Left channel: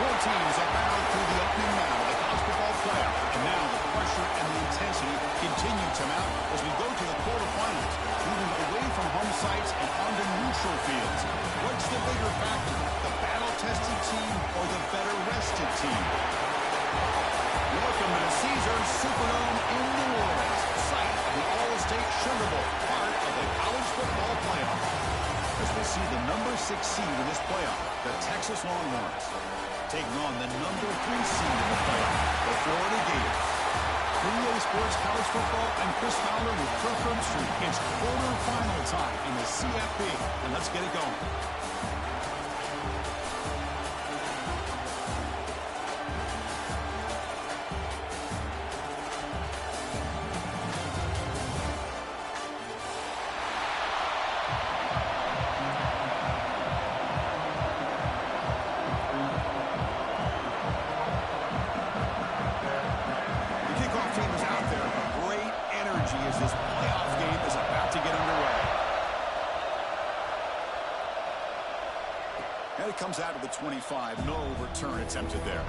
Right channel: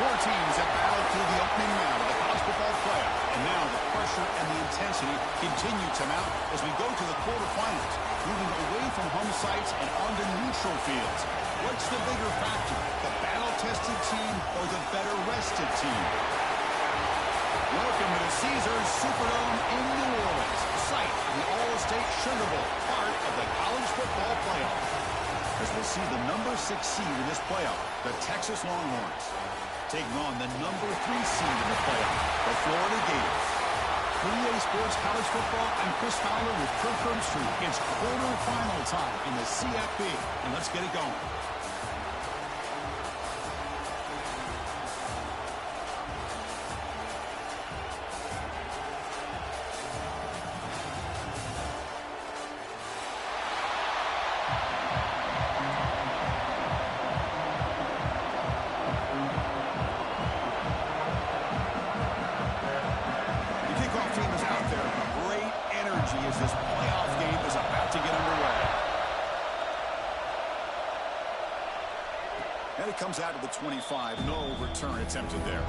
Four teams have battled through the opening round of the college football playoff, and now the pressure and the intensity continue to mount as we go to the quarterfinals, moving away from home sites and onto neutral fields. What's the bigger factor, the battle-tested team or the better-rested team? Welcome to the Caesars Superdome in New Orleans, site of the All-State Sugar Bowl, part of the college football playoff. As we'll see the number 6 seed in this playoff, the Texas Longhorns, taking on the number 3 seed in the playoff, the Florida Gators. For EA Sports College Football, I'm Chris Fowler with Kirk Herbstreit. It's quarterfinal time in the CFB, and let's get it going. As this playoff game is about to get underway. And it comes out of the 25. No return attempted there.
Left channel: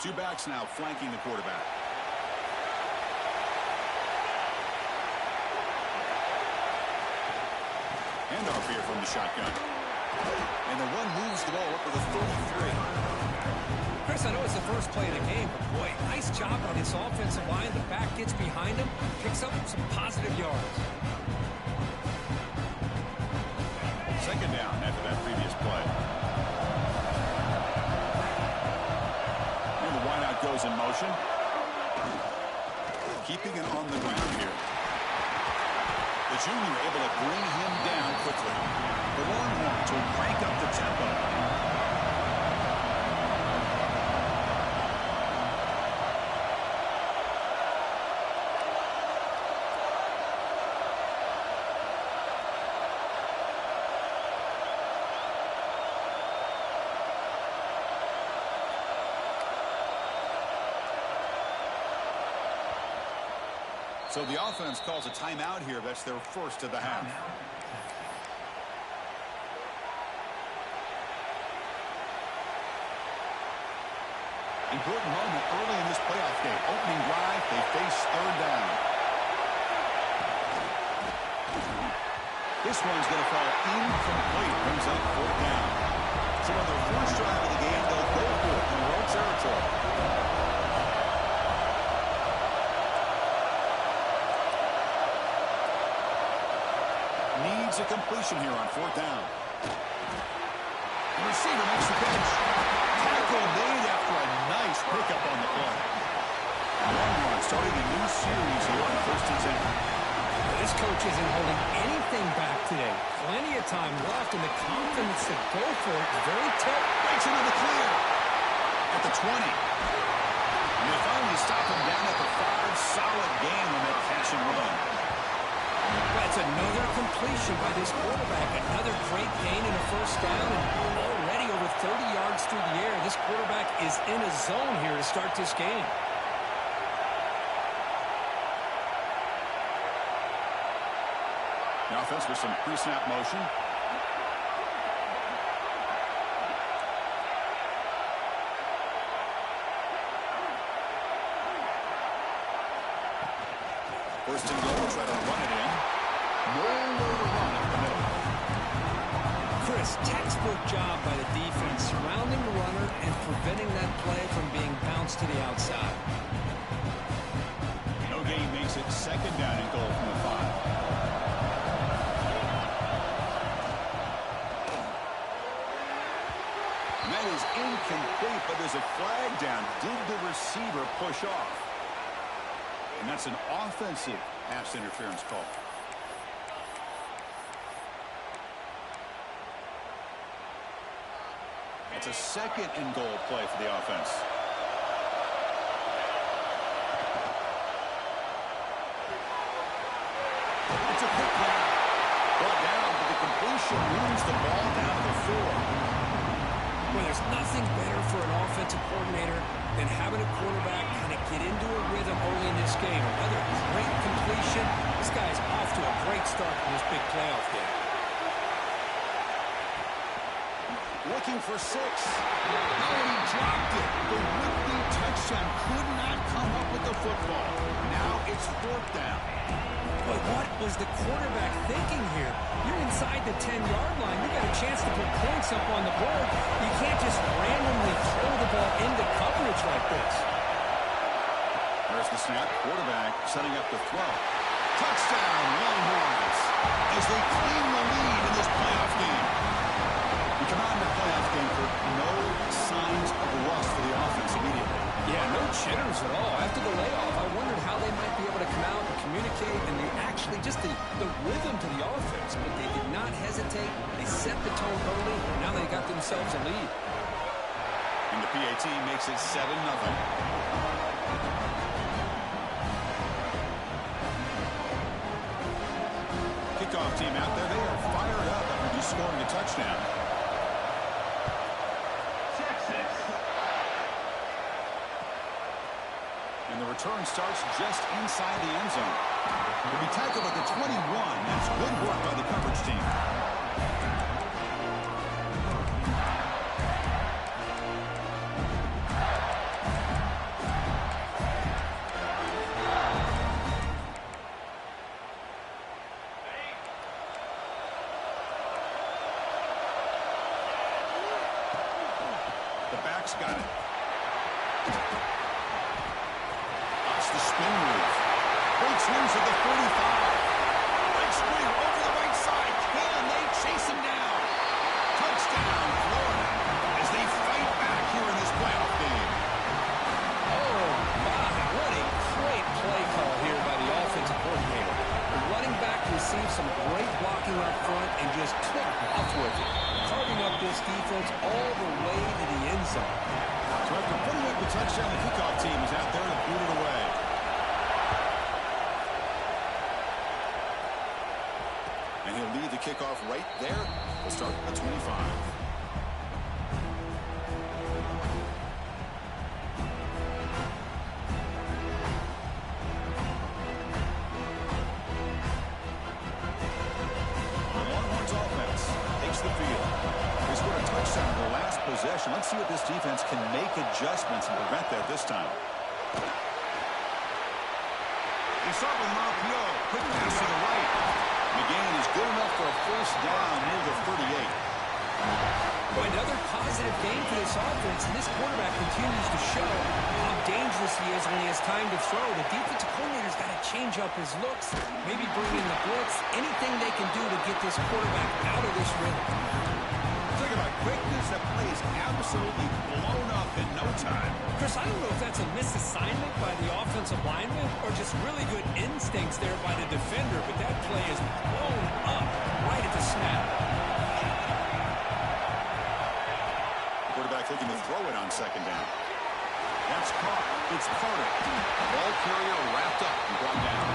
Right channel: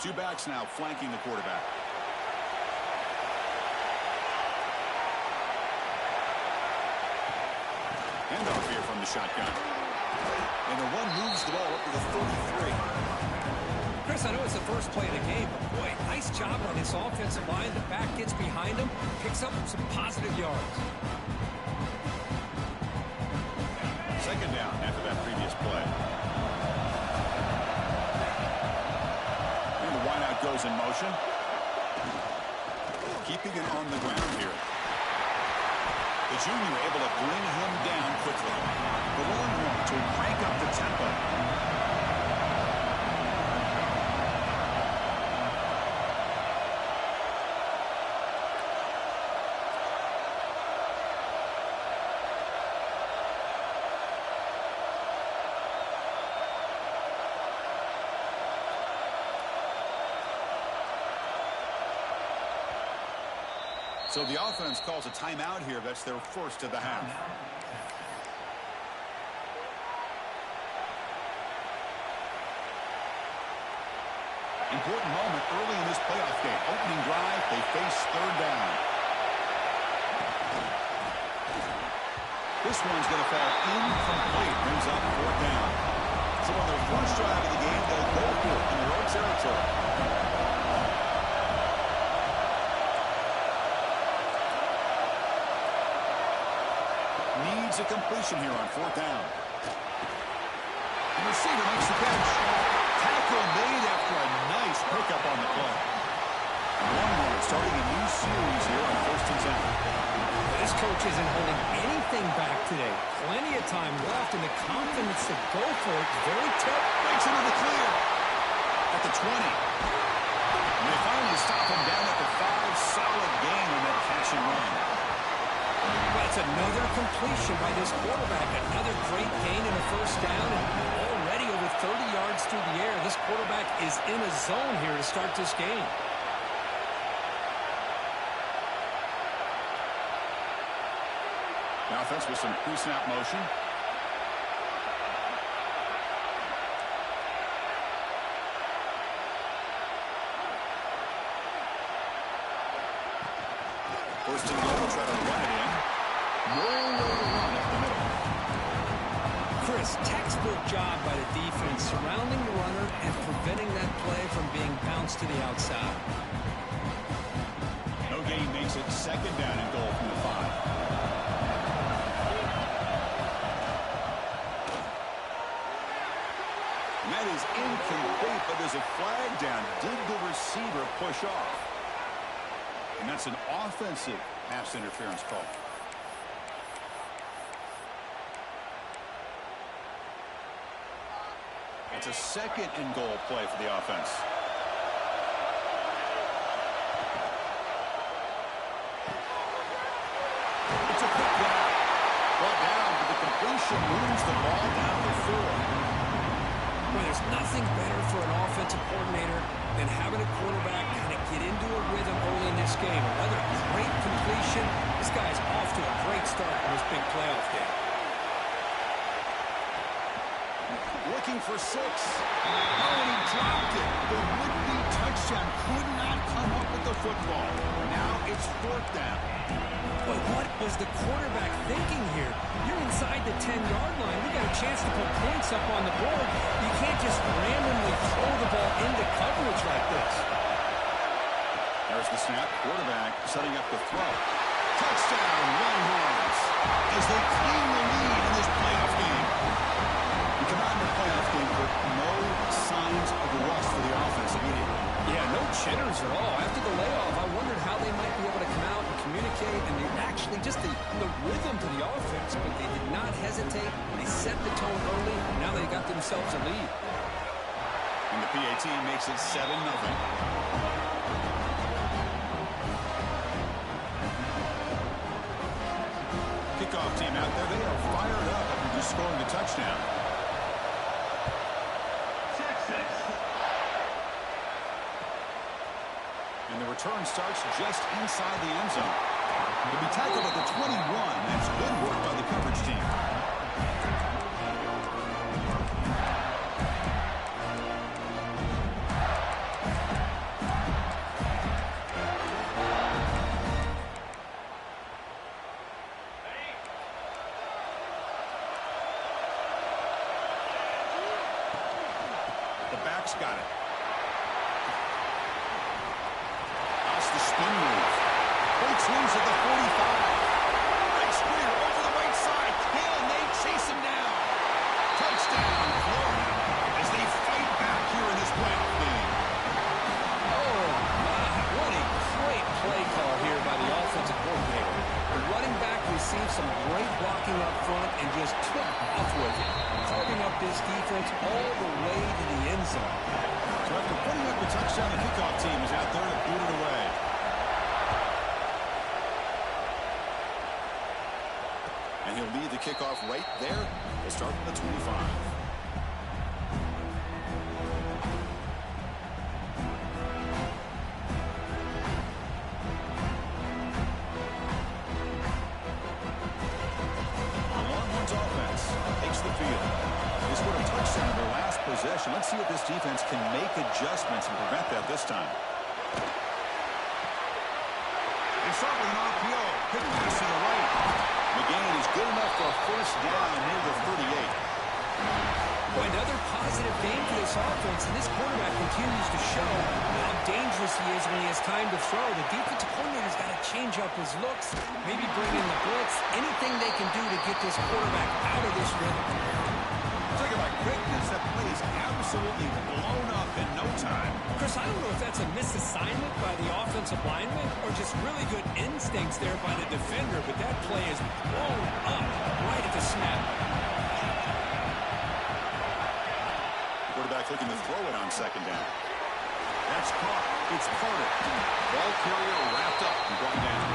Two backs now flanking the quarterback. Handoff here from the shotgun. And the one moves the ball up to the 33. Chris, I know it's the first play of the game, but boy, nice job on this offensive line. The back gets behind him, picks up some positive yards. Second down after that previous play. And the wideout goes in motion. Keeping it on the ground here. The junior able to bring him down quickly. The Longhorns will crank up the tempo. So the offense calls a timeout here. That's their first of the half. Important moment early in this playoff game. Opening drive, they face third down. This one's going to fall incomplete. Brings up fourth down. So on their first drive of the game, they'll go for it in their own territory. Needs a completion here on fourth down. The receiver makes the catch. Tackle made after a nice pickup on the play. Longhorns starting a new series here on 1st and 10. This coach isn't holding anything back today. Plenty of time left, and the confidence to go for it very tight. Breaks into the clear at the 20. And they finally stop him down at the 5. Solid gain on that catch and run. That's another completion by this quarterback. Another great gain in a first down, and already over 30 yards through the air. This quarterback is in a zone here to start this game. The offense with some pre-snap motion. First and goal, try to run it in. Nowhere to run up the middle. Chris, textbook job by the defense surrounding the runner and preventing that play from being bounced to the outside. No gain makes it second down and goal from the 5. And that is incomplete, but there's a flag down. Did the receiver push off? And that's an offensive pass interference call. That's a second and goal play for the offense. It's a pick down. Brought down, but the completion moves the ball down to the 4. There's nothing better for an offensive coordinator than having a quarterback kind of get into a rhythm early in this game. Another great completion. This guy's off to a great start in this big playoff game. Looking for 6. No, and he dropped it. The would-be touchdown could not come up with the football. Now it's 4th down. But what was the quarterback thinking here? You're inside the 10-yard line. You got a chance to put points up on the board. You can't just randomly throw the ball into coverage like this. There's the snap. Quarterback setting up the throw. Touchdown, Longhorns, as they claim the lead in this playoff game. You come out in the playoff game for no signs of rust for the offense immediately. Yeah, no jitters at all. After the layoff, I wondered how they might be able to come out and communicate and actually just the rhythm to the offense. But they did not hesitate. They set the tone early, and now they got themselves a lead. And the PAT makes it 7-0. Kickoff team out there. They are fired up after just scoring a touchdown. And the return starts just inside the end zone. He'll be tackled at the 21. That's good work by the coverage team. The back's got it. The spin move. Breaks loose at the 45. Breaks clear over the right side. Can they chase him down? Touchdown, Florida, as they fight back here in this playoff game. Oh, my. What a great play call here by the offensive coordinator. The running back received some great blocking up front and just took off with it, carving up this defense all the way to the end zone. So after putting up the touchdown, the kickoff team is out there to boot it away. And he'll lead the kickoff right there. We'll start at the 25. The Longhorns offense takes the field. They scored a touchdown in their last possession. Let's see if this defense can make adjustments and prevent that this time. They start with an RPO. Quick pass to the right. McGain is good enough for a first down near the 38. Boy, another positive game for this offense, and this quarterback continues to show how dangerous he is when he has time to throw. The defensive coordinator's got to change up his looks, maybe bring in the blitz, anything they can do to get this quarterback out of this rhythm. Talk about quickness. That play is absolutely blown up in no time. Chris, I don't know if that's a misassignment by the offensive lineman or just really good instincts there by the defender, but that play is blown up right at the snap. Quarterback looking to throw it on second down. That's caught. It's Carter. Ball carrier wrapped up and brought down.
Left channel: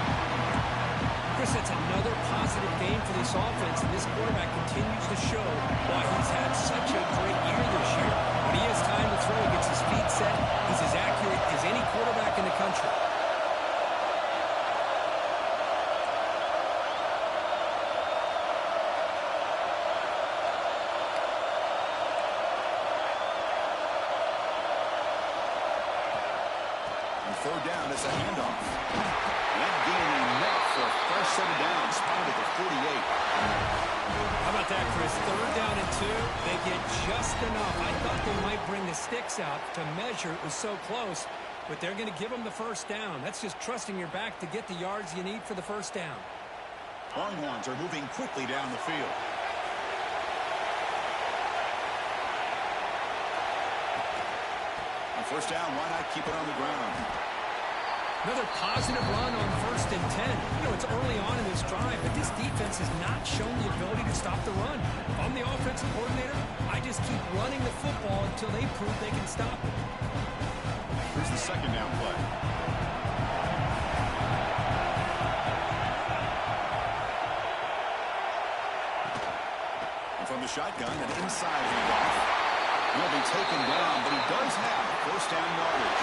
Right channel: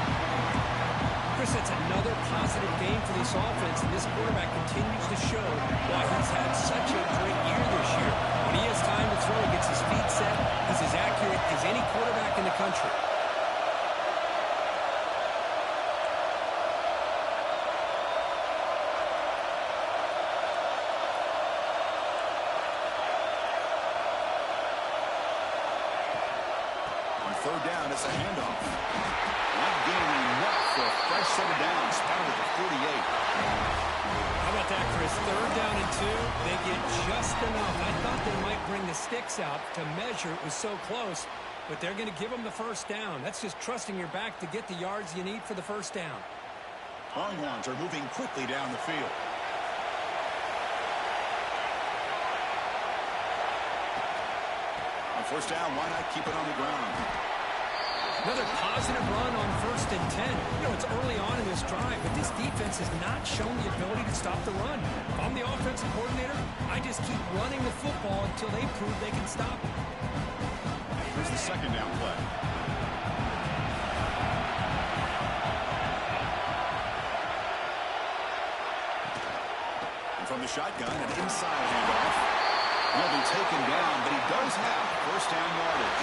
Chris, that's another positive game for this offense, and this quarterback continues to show why he's had such a great year this year. When he has time to throw, he gets his feet set. He's as accurate as any quarterback in the country. On third down, it's a handoff. That gain enough for a fresh set of downs, spotted at the 48. How about that, Chris? Third down and 2, they get just enough. I thought they might bring the sticks out to measure. It was so close, but they're going to give them the first down. That's just trusting your back to get the yards you need for the first down. Longhorns are moving quickly down the field. On first down, why not keep it on the ground? Another positive run on 1st and 10. You know, it's early on in this drive, but this defense has not shown the ability to stop the run. If I'm the offensive coordinator, I just keep running the football until they prove they can stop it. Here's the second down play. And from the shotgun, an inside handoff. Will be taken down, but he does have first down yardage.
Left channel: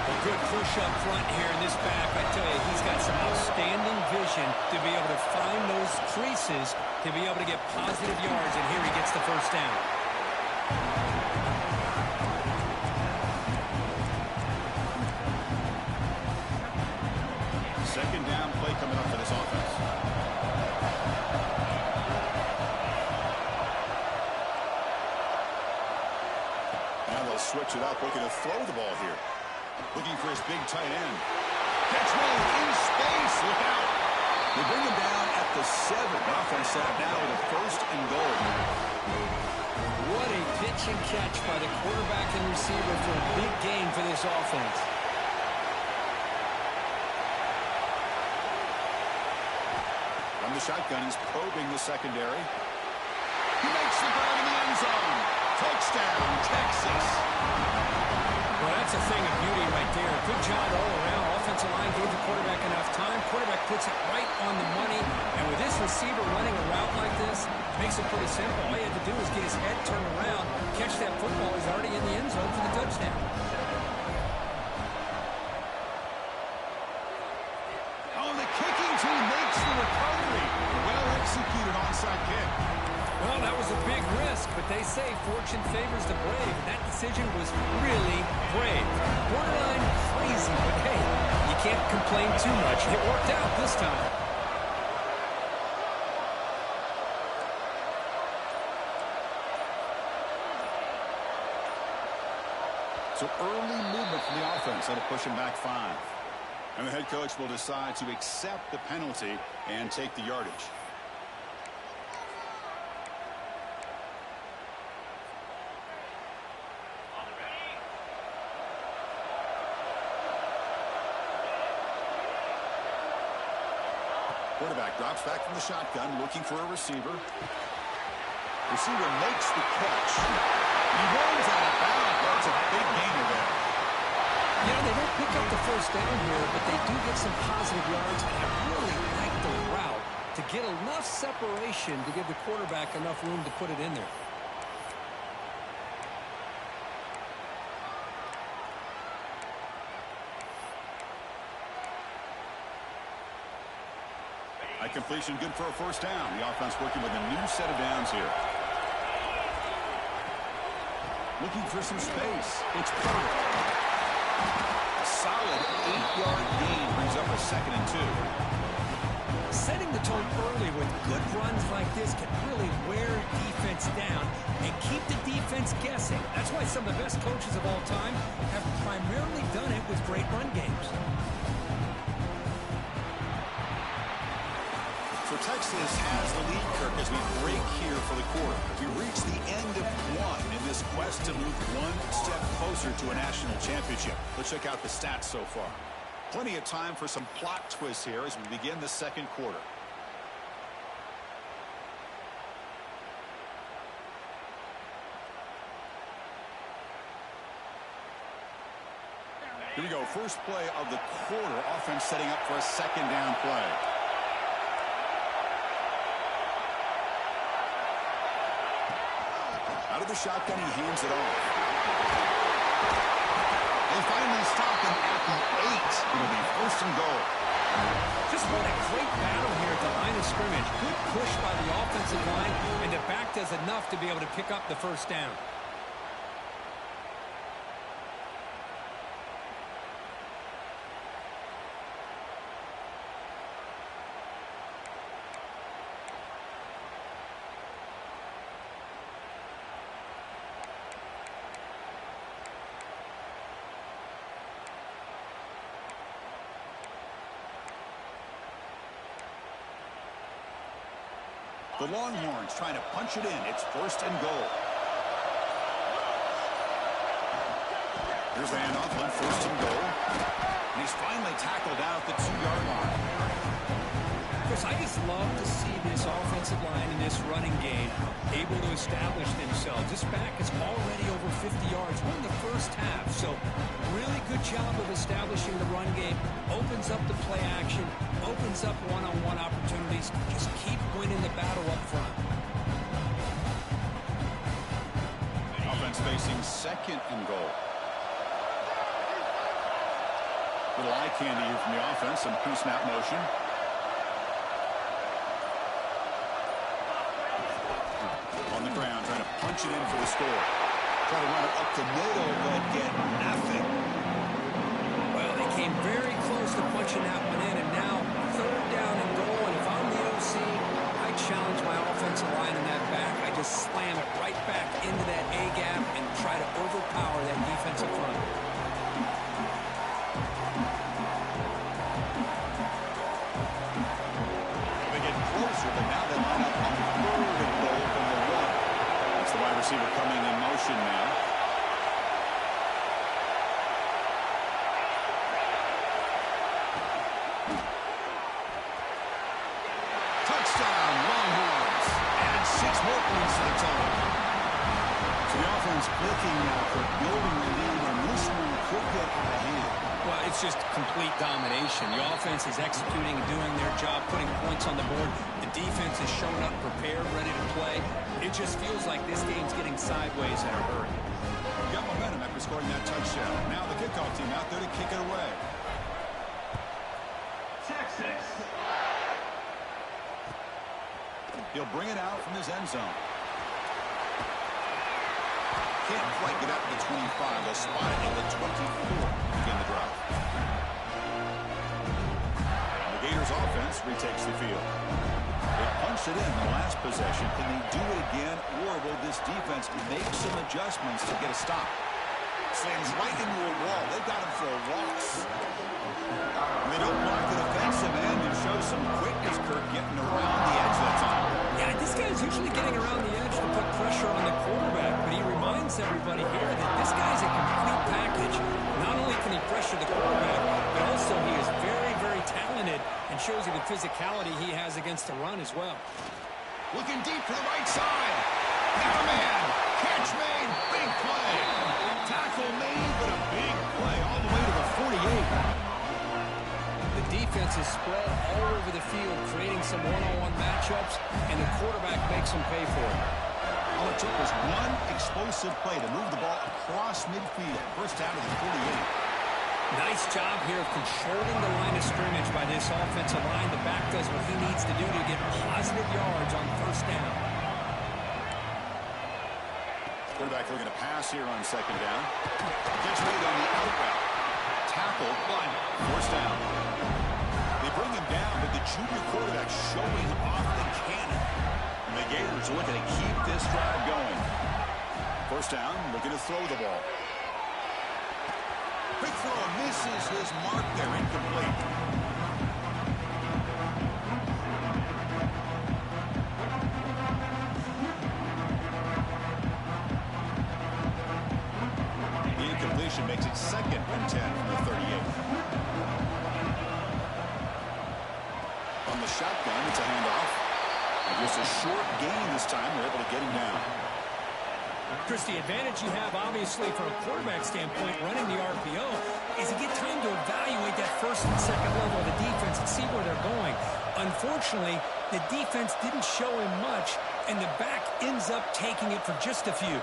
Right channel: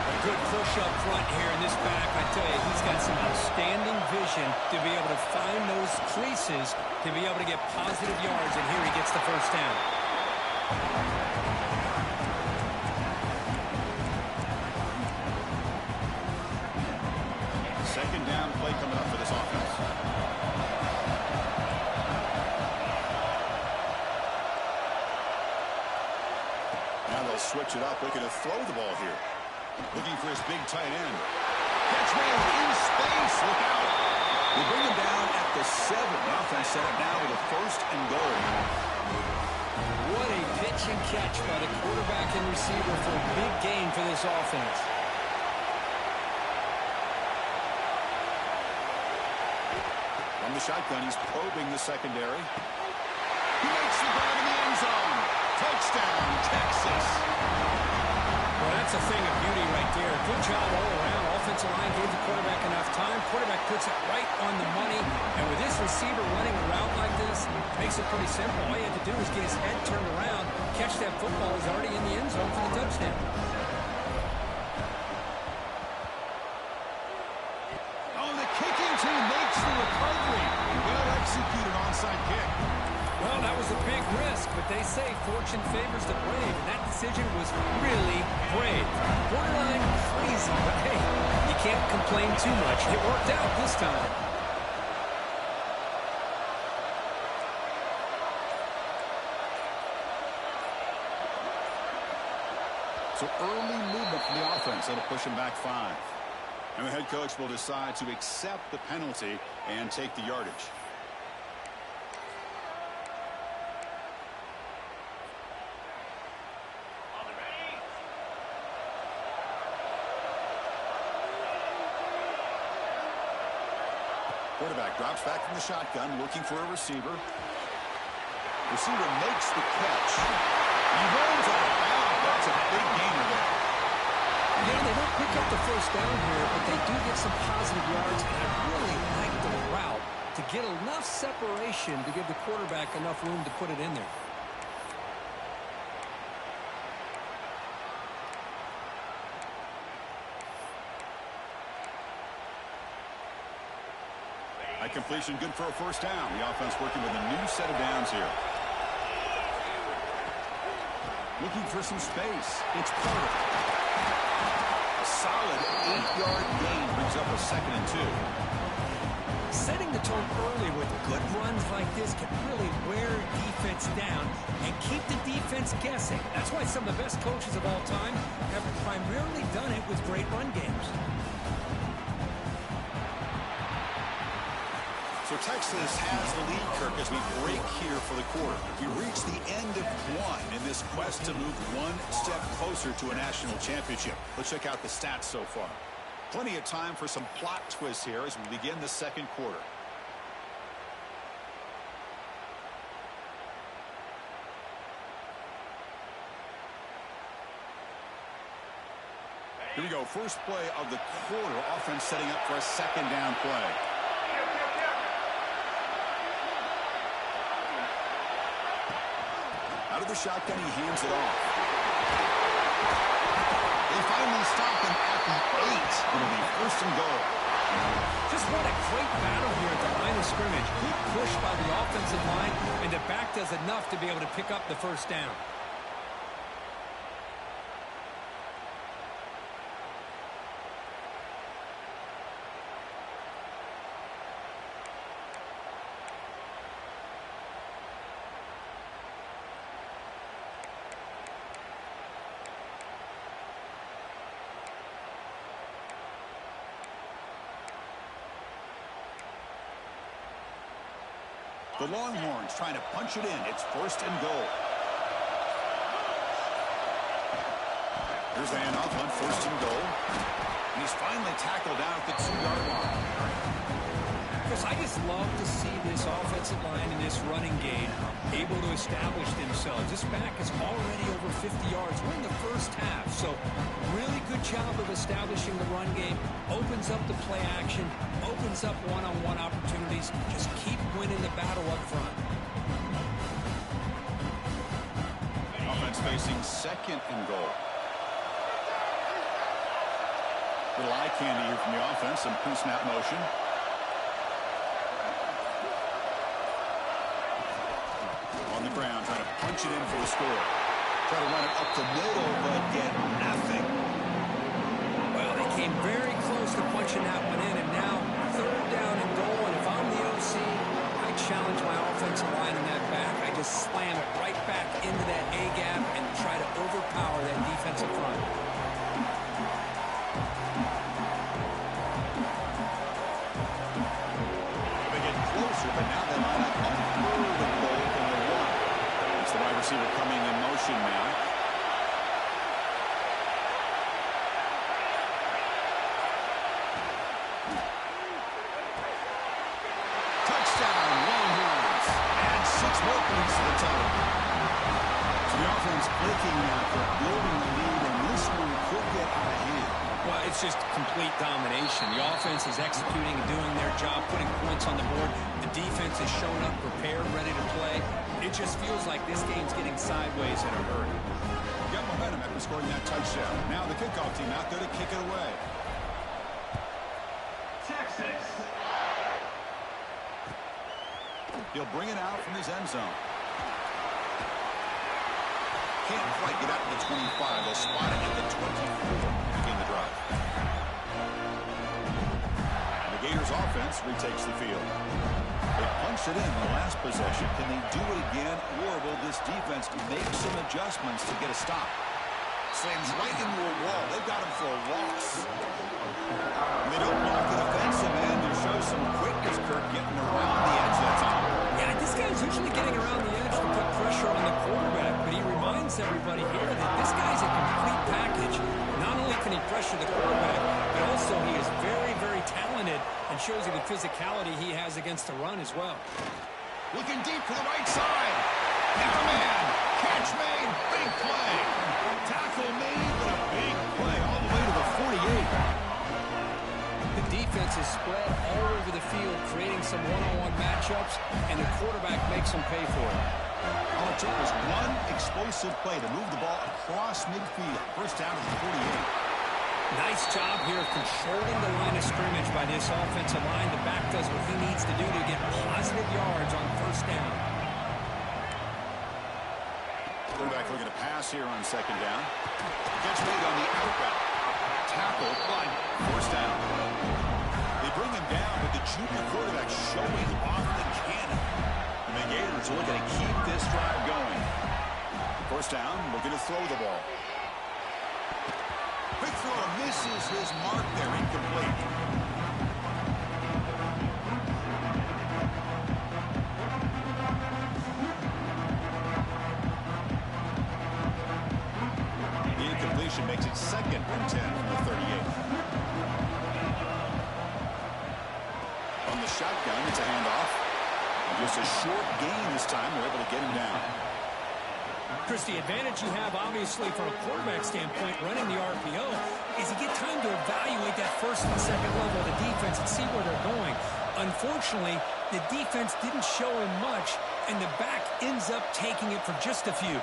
A good push up front here in this back. I tell you, he's got some outstanding vision to be able to find those creases, to be able to get positive yards, and here he gets the first down. Second down play coming up for this offense. Now they'll switch it up, looking to throw the ball here. Looking for his big tight end. Catch made in space. Look out. They bring him down at the 7. The offense set up now with a first and goal. What a pitch and catch by the quarterback and receiver for a big gain for this offense. From the shotgun, he's probing the secondary. He makes the grab in the end zone. Touchdown, Texas. Well, that's a thing of beauty right there. Good job all around. Offensive line gave the quarterback enough time. Quarterback puts it right on the money. And with this receiver running a route like this, makes it pretty simple. All he had to do was get his head turned around, catch that football. He's already in the end zone for the touchdown. Oh, the kicking team makes the recovery. Well executed onside kick. Well, that was a big risk, but they say fortune favors the brave, and that decision was really brave. Borderline crazy, but hey, you can't complain too much. It worked out this time. So early movement from the offense. That'll push him back 5. And the head coach will decide to accept the penalty and take the yardage. Quarterback drops back from the shotgun, looking for a receiver. Receiver makes the catch. He runs out of bounds. That's a big gainer there. You know, they don't pick up the first down here, but they do get some positive yards, and I really like the route to get enough separation to give the quarterback enough room to put it in there. High completion, good for a first down. The offense working with a new set of downs here. Looking for some space. It's perfect. A solid 8-yard gain brings up a 2nd and 2. Setting the tone early with good runs like this can really wear defense down and keep the defense guessing. That's why some of the best coaches of all time have primarily done it with great run games. So Texas has the lead, Kirk, as we break here for the quarter. We reach the end of 1 in this quest to move one step closer to a national championship. Let's check out the stats so far. Plenty of time for some plot twists here as we begin the second quarter. Here we go. First play of the quarter. Offense setting up for a second down play. Out of the shotgun, he hands it off. They finally stop him at the 8. It'll be first and goal. Just what a great battle here at the line of scrimmage. Good push by the offensive line, and the back does enough to be able to pick up the first down. The Longhorns trying to punch it in. It's first and goal. Here's the handoff on first and goal. And he's finally tackled down at the 2-yard line. Chris, I just love to see this offensive line in this running game able to establish themselves. This back is already over 50 yards. We're in the first half, so really good job of establishing the run game. Opens up the play action, opens up one-on-one opportunities. Just keep winning the battle up front. offense facing second and goal. Little eye candy here from the offense. Some pre-snap motion. On the ground, trying to punch it in for the score. Try to run it up the middle, but get nothing. Well, they came very close to punching that one in, and now third down and goal. And if I'm the OC, I challenge my offensive line in that back. I just slam it right back into that A-gap and try to overpower that defensive front. They get closer, but now they line up on third and goal from the one. It's the wide receiver coming in motion now. Touchdown, Longhorns. Add 6 more points to the total. So the offense clicking now for building the lead, and this one could get out of hand. Well, it's just complete domination. The offense is executing and doing their job, putting points on the board. The defense is showing up prepared, ready to play. It just feels like this game's getting sideways in a hurry. Got momentum after scoring that touchdown. Now the kickoff team out there to kick it away. Texas. He'll bring it out from his end zone. Can't quite get out to the 25. They'll spot it at the 24 to begin the drive. And the Gators offense retakes the field. They punched it in the last possession. Can they do it again, or will this defense make some adjustments to get a stop? Slams right into a wall. They've got him for a loss. And they don't block the defensive end. It shows some quickness, Kirk, getting around the edge that time. Yeah, this guy's usually getting around the edge to put pressure on the quarterback, but he reminds everybody here that this guy's a complete package. Not only can he pressure the quarterback, but also he is very, very talented and shows you the physicality he has against the run as well. Looking deep to the right side. Got a man. Catch made. Big play. Tackle made, but a big play all the way to the 48. The defense is spread all over the field, creating some one-on-one matchups, and the quarterback makes them pay for it. All it took was one explosive play to move the ball across midfield. First down to the 48. Nice job here of controlling the line of scrimmage by this offensive line. The back does what he needs to do to get positive yards on first down. Quarterback looking to pass here on second down. Catch made on the out route. Tackle, but forced down. They bring him down, but the junior quarterback showing off the cannon. And the Gators are looking to keep this drive going. First down, looking to throw the ball. Quick throw, misses his mark there, incomplete. The incompletion makes it second and 10 from the 38. On the shotgun, it's a handoff. And just a short gain this time. They're able to get him down. Chris, the advantage you have, obviously, from a quarterback standpoint, running the RPO, is you get time to evaluate that first and second level of the defense and see where they're going. Unfortunately, the defense didn't show him much, and the back ends up taking it for just a few.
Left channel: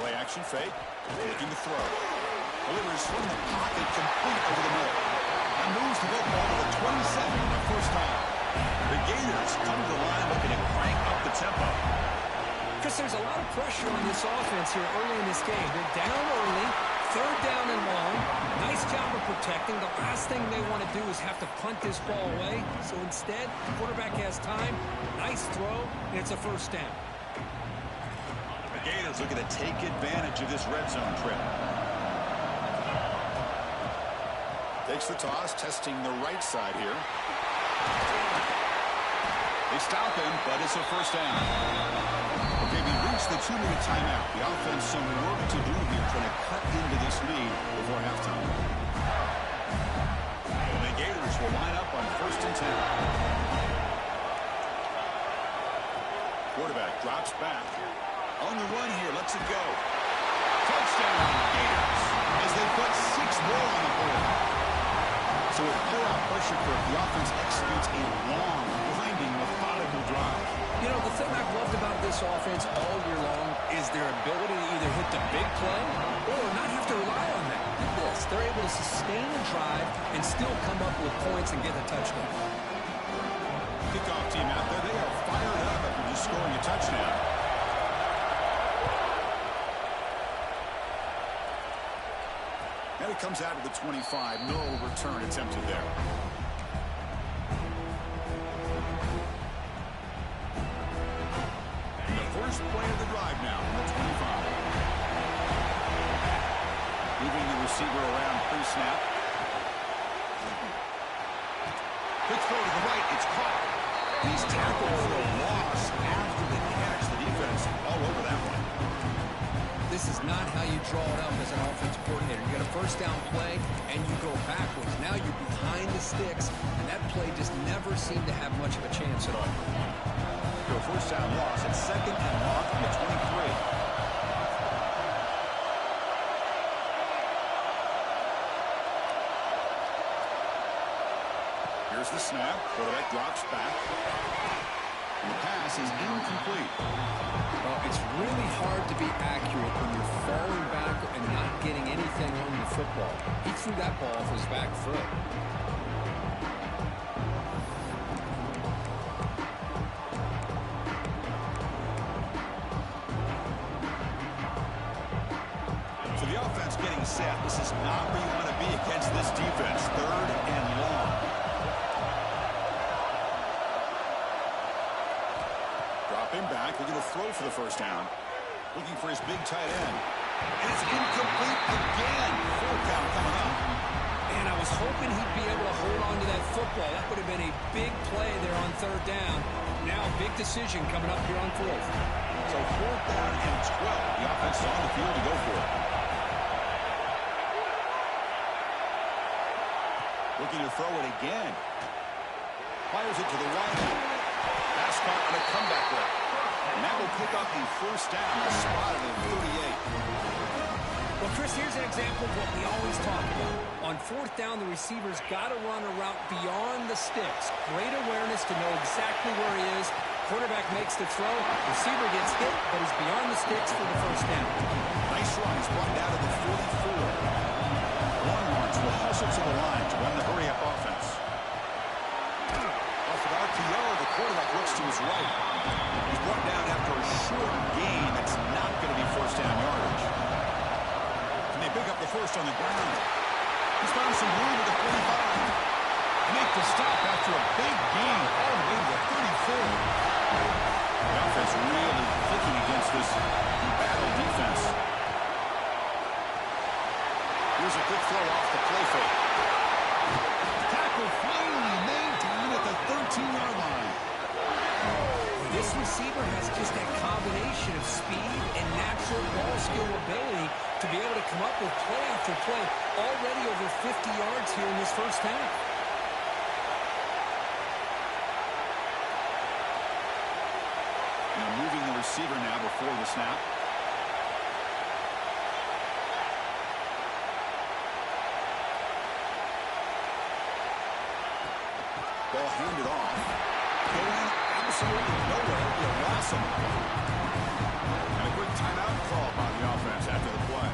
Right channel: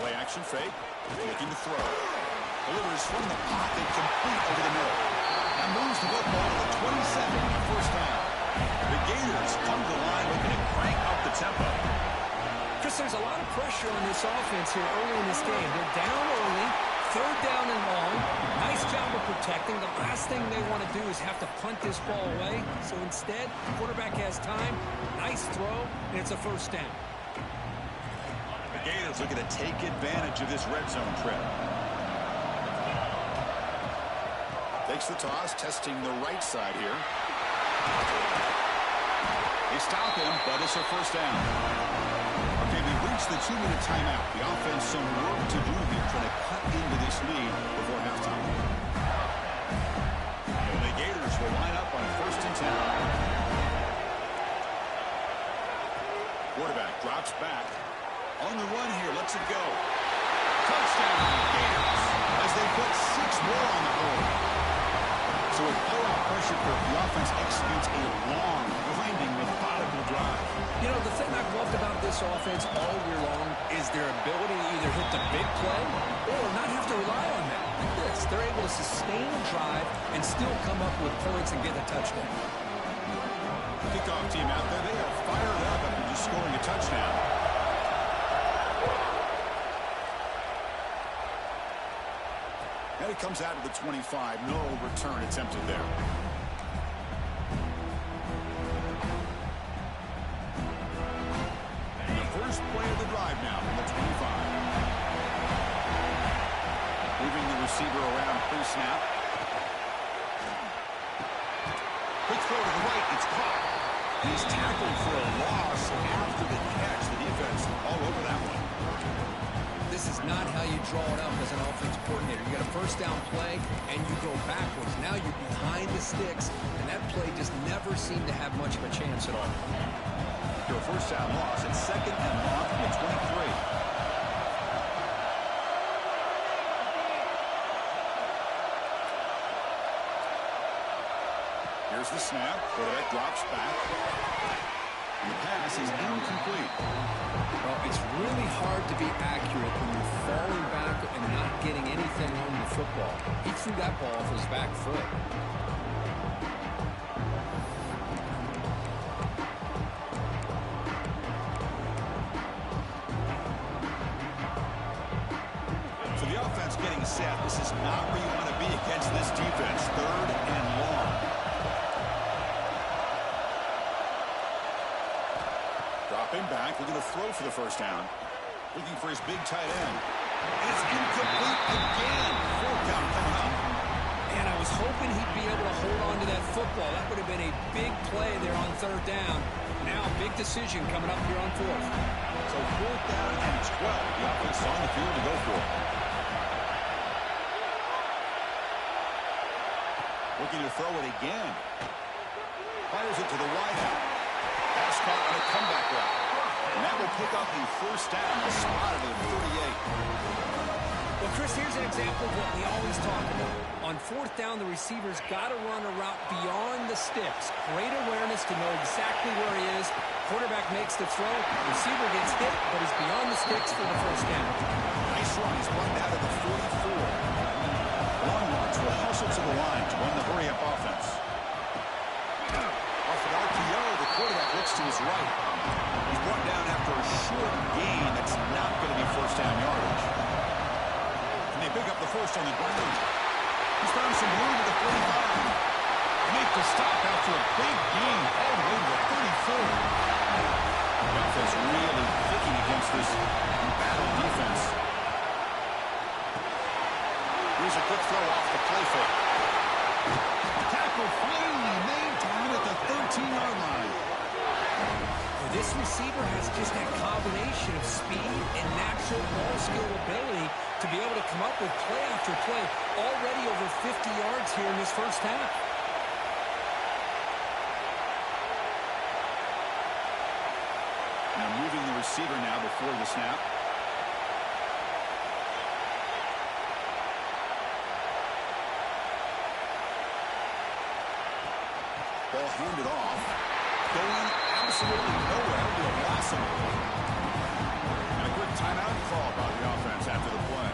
Play action fake. Looking to throw. Delivers from the pocket, complete over the middle. And moves the football to the 27 on a first down. The Gators come to the line looking to crank up the tempo. Chris, there's a lot of pressure on this offense here early in this game. They're down early, third down and long. Nice job of protecting. The last thing they want to do is have to punt this ball away. So instead, the quarterback has time. Nice throw, and it's a first down. The Gators looking to take advantage of this red zone trip. Takes the toss, testing the right side here. They stop him, but it's a first down. Okay, we reached the 2-minute timeout. The offense some work to do here, trying to cut into this lead before halftime. And the Gators will line up on first and 10. Quarterback drops back. On the run here, lets it go. Touchdown, Gators, as they put 6 more on the board. So with playoff pressure curve, the offense executes a long, grinding, methodical drive. You know, the thing I've loved about this offense all year long is their ability to either hit the big play or not have to rely on that. Like this, they're able to sustain a drive and still come up with points and get a touchdown. Kickoff team out there, they are fired up after just scoring a touchdown. And it comes out of the 25. No return attempted there. And the first play of the drive now from the 25. Moving the receiver around pre-snap. Quick throw to the right. It's caught. He's tackled for a loss after the catch. The defense all over that one. This is not how you draw it up as an offensive coordinator. You got a first down play, and you go backwards. Now you're behind the sticks, and that play just never seemed to have much of a chance at all. To a first down loss at 2nd and long from the 23. Here's the snap. Quarterback drops back. And the pass is incomplete. Well, it's really hard to be accurate when you're falling back and not getting anything on the football. He threw that ball off his back foot. So the offense getting set. This is not where you want to be against this defense. 3rd and long. Dropping back, looking to throw for the first down. Looking for his big tight end. And it's incomplete again. 4th down coming up. And I was hoping he'd be able to hold on to that football. That would have been a big play there on 3rd down. Now, big decision coming up here on 4th. So 4th down and 12. The offense is on the field to go for it. Looking to throw it again. Fires it to the wideout. Pass caught on a comeback route. And that will pick up the first down. Spotted at 38. Well, Chris, here's an example of what we always talk about. On 4th down, the receiver's got to run a route beyond the sticks. Great awareness to know exactly where he is. Quarterback makes the throw. Receiver gets hit, but is beyond the sticks for the first down. Nice run. He's run down to the 44. Longhorns will hustle to the line to run the hurry-up offense. Off an RPO, the quarterback looks to his right. He's brought down after a short gain that's not going to be first down yardage. And they pick up the first on the ground. He's found some room at the 45. They make the stop after a big gain all the way to the 34. The offense really clicking against this embattled defense. Here's a quick throw off the play fake. Tackle finally made down at the 13-yard line. Well, this receiver has just that combination of speed and natural ball skill ability to be able to come up with play after play. Already over 50 yards here in this first half. Now moving the receiver now before the snap. Ball handed off. Going absolutely nowhere. It'll be a loss on the play. And a quick timeout call by the offense after the play.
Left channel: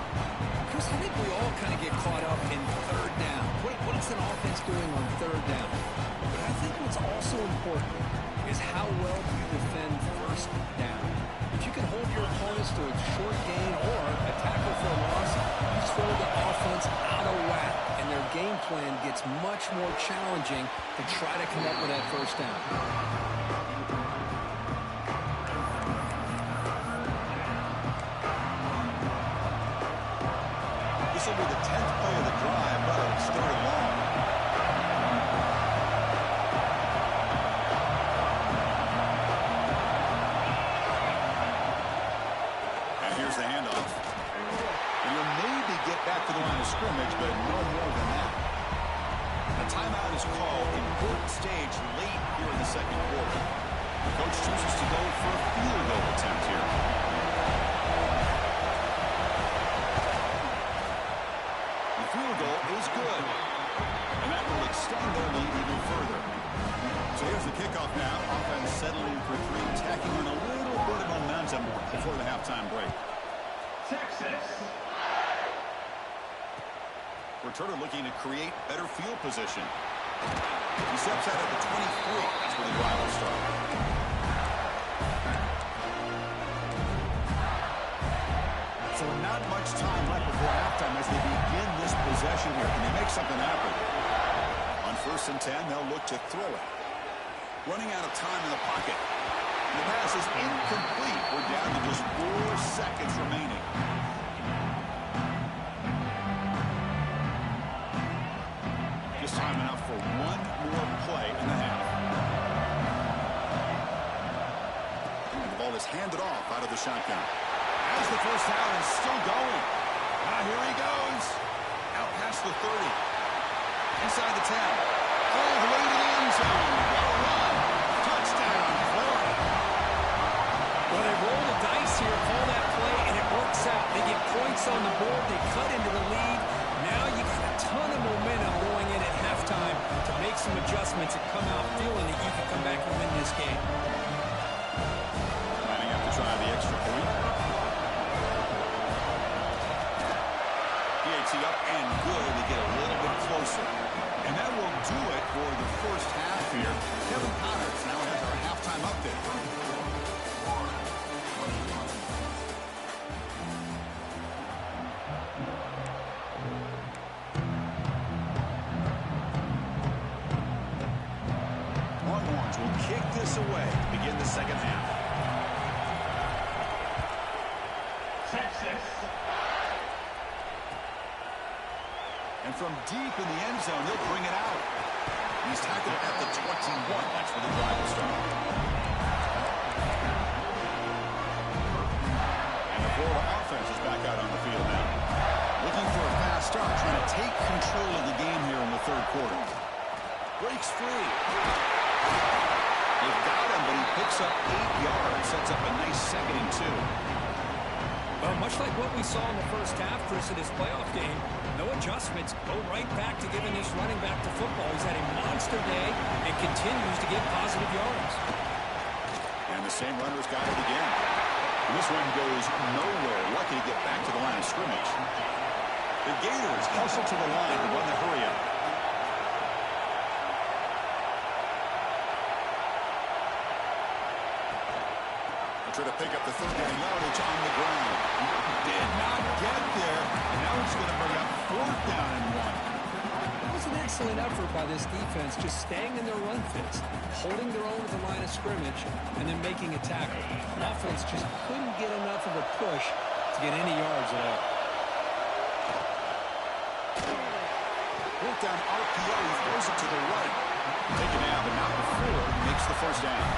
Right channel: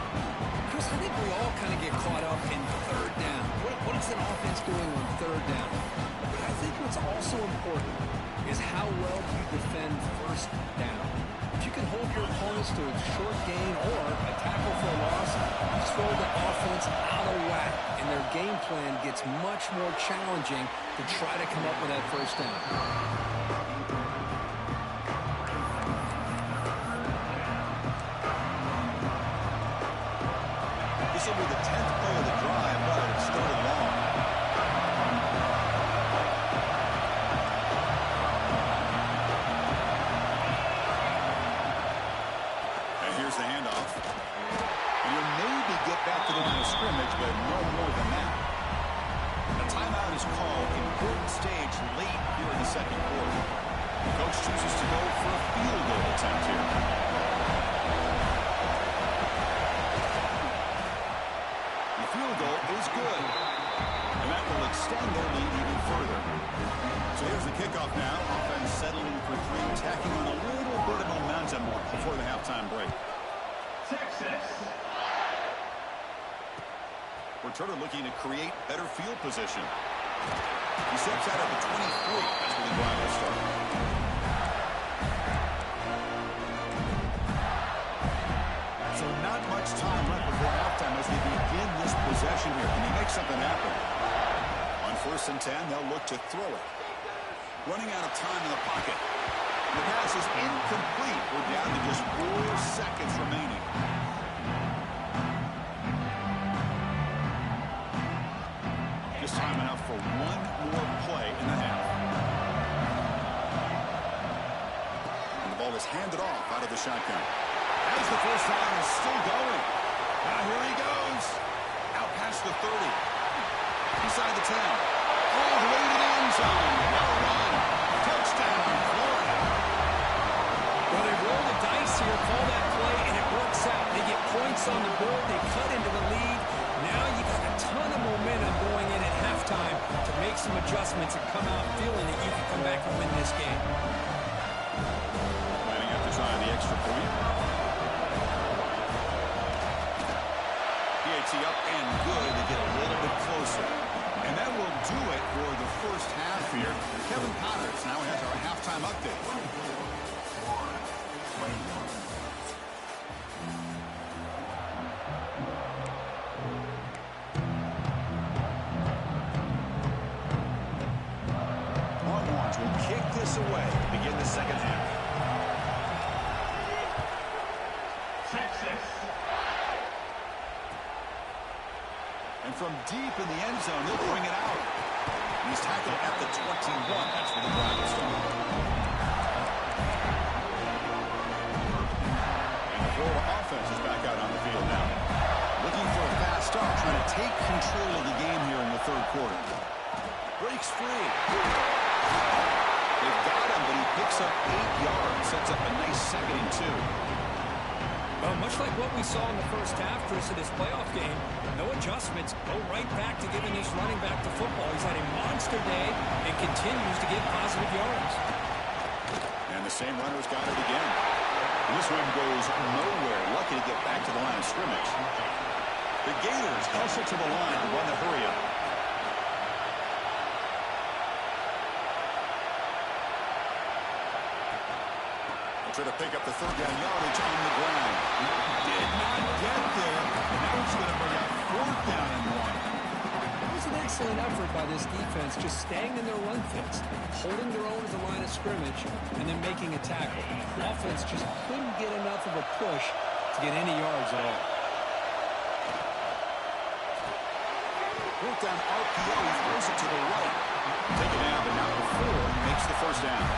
Chris, I think we all kind of get caught up in 3rd down. What is an offense doing on 3rd down? But I think what's also important is how well you defend 1st down. If you can hold your opponents to a short gain or a tackle for a loss, you throw the offense out of whack, and their game plan gets much more challenging to try to come up with that first down. This will be the 10th play of the drive, but it's 3rd and long. And here's the handoff. And you'll maybe get back to the line of scrimmage, but no more than that. A timeout is called. Important stage late here in the 2nd quarter. The coach chooses to go for a field goal attempt here. The field goal is good. And that will extend their lead even further. So here's the kickoff now. Offense settling for three, tacking on a little bit of momentum before the halftime break. Texas. Returner looking to create better field position. He steps out at the 23. That's where the drive will start. So not much time left before halftime as they begin this possession here. Can he make something happen? On 1st and 10, they'll look to throw it. Running out of time in the pocket. The pass is incomplete. We're down to just 4 seconds remaining. Just time enough for one more play in the half. And the ball is handed off out of the shotgun. As the first down is still going. Now here he goes. Out past the 30. Inside the 10. All the way to the end zone. What a run. Touchdown, Florida. Well, they roll the dice here, call that play, and it works out. They get points on the board. They cut into the lead. Now you got a ton of momentum going in at halftime to make some adjustments and come out feeling that you can come back and win this game. Lining up to try the extra point. PAT up and good to get a little bit closer. And that will do it for the first half here. Kevin Connors now has our halftime update. Longhorns will kick this away to begin the second half. Texas. And from deep in the end zone, he'll bring it out. He's tackled at the 21. That's where the drive will start. And the Florida offense is back out on the field now. Looking for a fast start, trying to take control of the game here in the third quarter. Breaks free. They've got him, but he picks up 8 yards. Sets up a nice 2nd and 2. Well, much like what we saw in the first half, Chris, of this playoff game, no adjustments. Go right back to giving this running back to football. He's had a monster day and continues to get positive yards. And the same runner's got it again. This one goes nowhere. Lucky to get back to the line of scrimmage. The Gators hustle to the line to run the hurry-up. Try to pick up the 3rd down yardage on the ground. Did not get there, and now it's going to bring up 4th down and 1. It was an excellent effort by this defense, just staying in their run fits, holding their own at the line of scrimmage, and then making a tackle. The offense just couldn't get enough of a push to get any yards at all. Work down RPO, he throws it to the right. Taken out, but not before he makes the first down.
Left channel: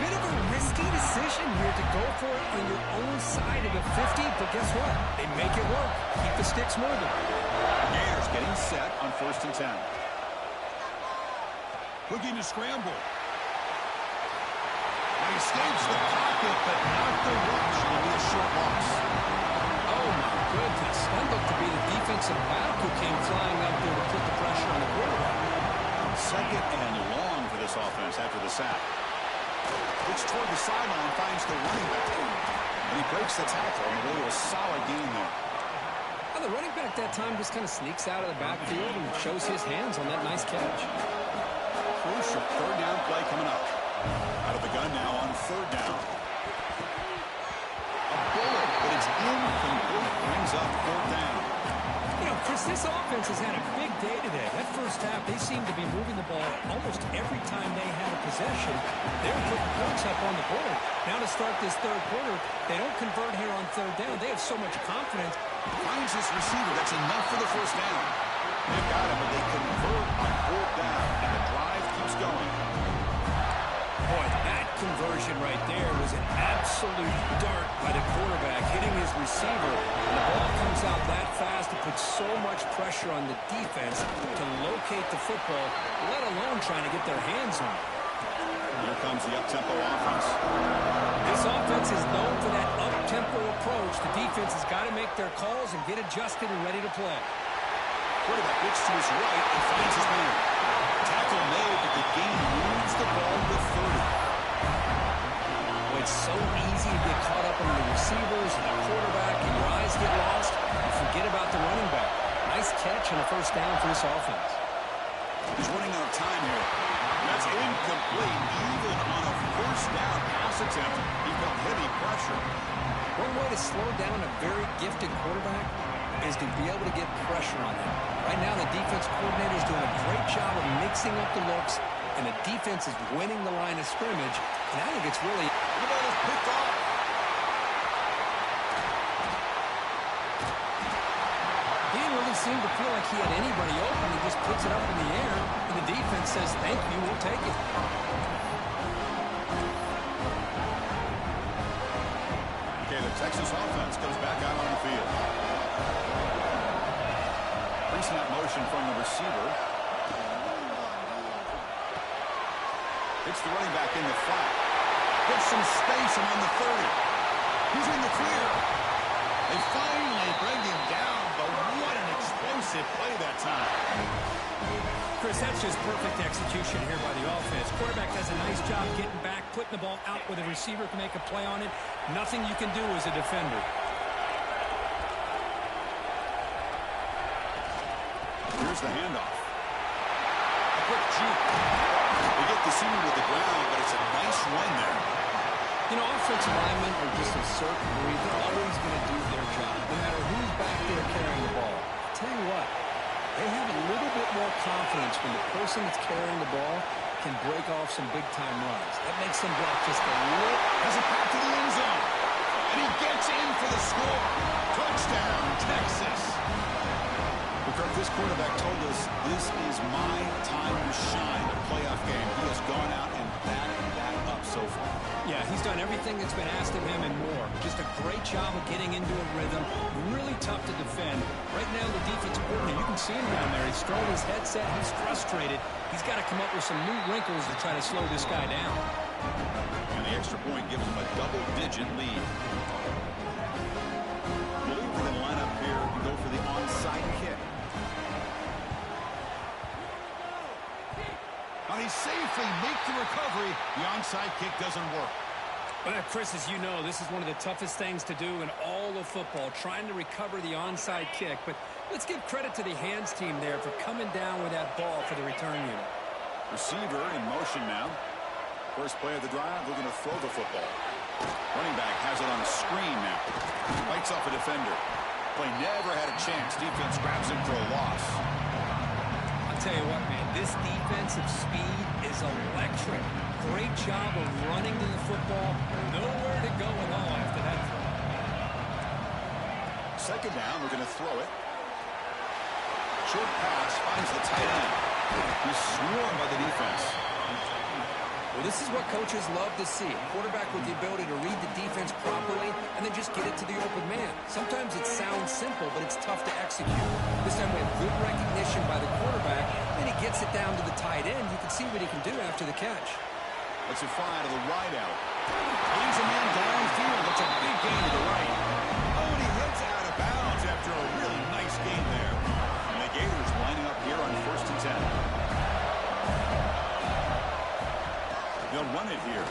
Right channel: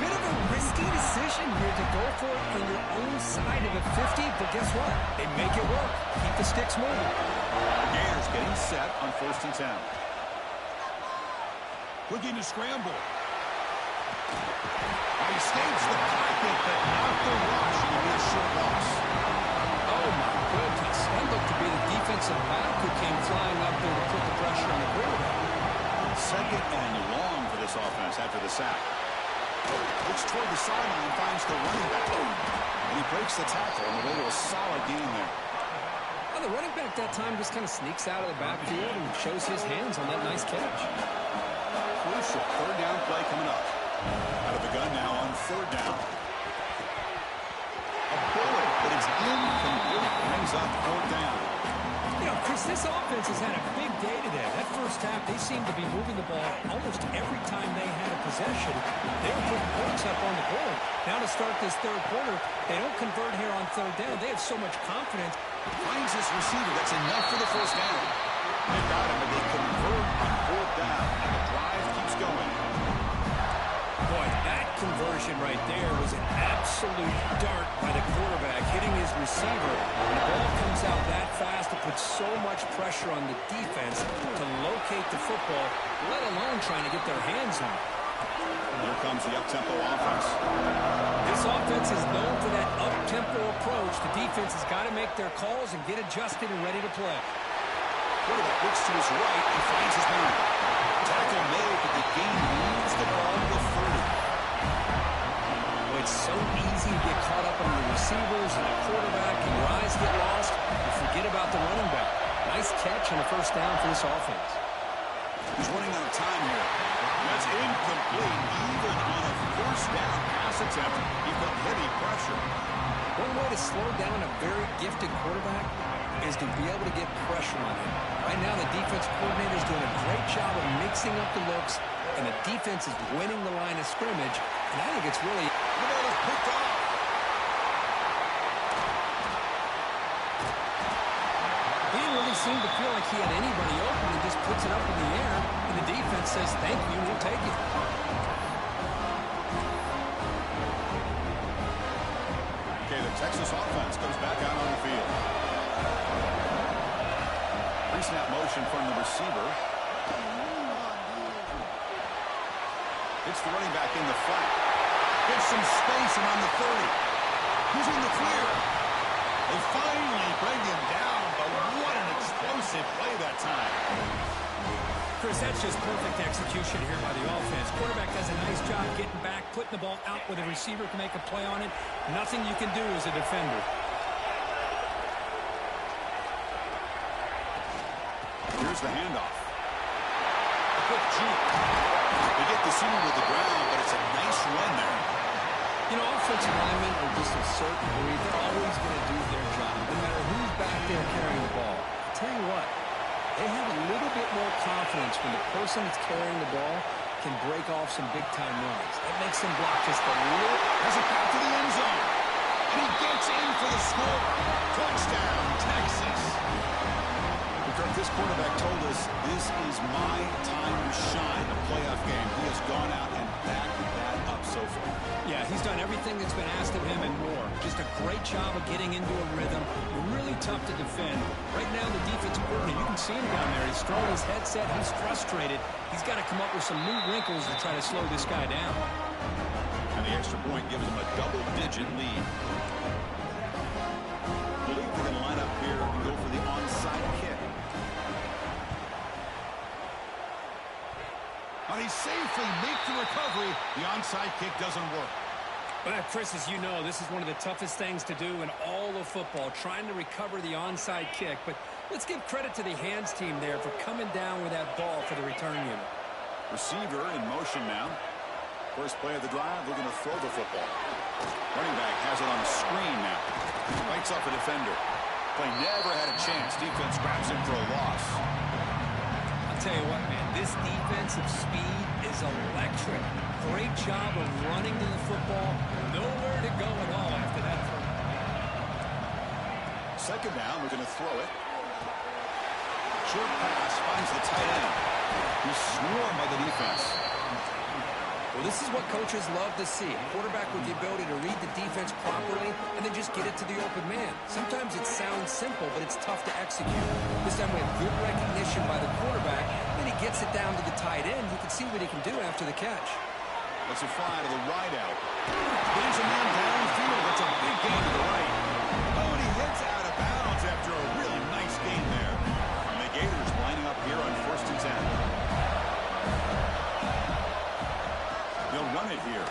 Bit of a risky decision here to go for it on your own side of the 50, but guess what? They make it work. Keep the sticks moving. Gators getting set on 1st and 10. Looking to scramble. He escapes the pocket, but not the rush. It'll be a short loss. Oh, my goodness. That looked to be the defensive back who came flying up there to put the pressure on the quarterback. 2nd and long for this offense after the sack. Looks toward the sideline, finds the running back. And he breaks the tackle on the way to a solid gain there. Well, the running back that time just kind of sneaks out of the backfield and shows his hands on that nice catch. Crucial 3rd down play coming up. Out of the gun now on 3rd down. A bullet, but it's incomplete. Brings up 4th down. You know, Chris, this offense has had a big day today. That first half, they seemed to be moving the ball almost every time they had a possession. They were putting points up on the board. Now to start this third quarter, they don't convert here on 3rd down. They have so much confidence. Finds his receiver. That's enough for the first down. They've got him, but they convert on 4th down, and the drive keeps going. Boy, that conversion right there was an absolute dart by the quarterback, hitting his receiver. And the ball comes out that fast. It puts so much pressure on the defense to locate the football, let alone trying to get their hands on it. Here comes the up-tempo offense. This offense is known for that up-tempo approach. The defense has got to make their calls and get adjusted and ready to play. Quarterback looks to his right and finds his man. Tackle made, but the gain moves the ball to 30. Well, it's so easy to get caught up in the receivers and the quarterback, and your eyes get lost. You forget about the running back. Nice catch and a first down for this offense. He's running out of time here. That's incomplete. Even on a first down pass attempt, he felt heavy pressure. One way to slow down a very gifted quarterback is to be able to get pressure on him. Right now, the defense coordinator is doing a great job of mixing up the looks, and the defense is winning the line of scrimmage, and I think it's really... The ball is picked off. He didn't really seem to feel like he had anybody open. He just puts it up in the air, and the defense says, thank you, we'll take it. Okay, the Texas offense comes back out on the field. Pre-snap motion from the receiver. Hits the running back in the flat. Gets some space and on the 30. He's in the clear. They finally bring him down, but what an explosive play that time. Chris, that's just perfect execution here by the offense. Quarterback does a nice job getting back, putting the ball out where the receiver can make a play on it. Nothing you can do as a defender. Here's the handoff. A quick juke. They get the senior to the ground, but it's a nice run there. You know, offensive linemen are just a certain breed. They're always going to do their job, no matter who's back there carrying the ball. I'll tell you what, they have a little bit more confidence when the person that's carrying the ball can break off some big-time runs. That makes them block just a little. Has a path to the end zone. And he gets in for the score. Touchdown, Texas. Kirk, this quarterback told us this is my time to shine, a playoff game. He has gone out and backed that up so far. Yeah, he's done everything that's been asked of him and more. Just a great job of getting into a rhythm. Really tough to defend. Right now, the defensive coordinator, you can see him down there. He's throwing his headset. He's frustrated. He's got to come up with some new wrinkles to try to slow this guy down. And the extra point gives him a double-digit lead. I believe they're going to line up here and go for the onside kick. Now he safely makes the recovery. The onside kick doesn't work. Well, Chris, as you know, this is one of the toughest things to do in all of football, trying to recover the onside kick. But let's give credit to the hands team there for coming down with that ball for the return unit. Receiver in motion now. First play of the drive, looking to throw the football. Running back has it on a screen now. Fights off a defender. Play never had a chance. Defense grabs him for a loss. Tell you what, man, this defensive speed is electric. Great job of running to the football. Nowhere to go at all after that throw. Second down, we're going to throw it. Short pass finds the tight end. He's swarmed by the defense. Well, this is what coaches love to see. A quarterback with the ability to read the defense properly and then just get it to the open man. Sometimes it sounds simple, but it's tough to execute. This time we have good recognition by the quarterback. Then he gets it down to the tight end. You can see what he can do after the catch. Let's fly to the wide out. Gains a man downfield. That's a big gain to the right. Oh, and he heads out of bounds after a really nice gain there. And the Gators lining up here on 1st and 10. They'll run it here.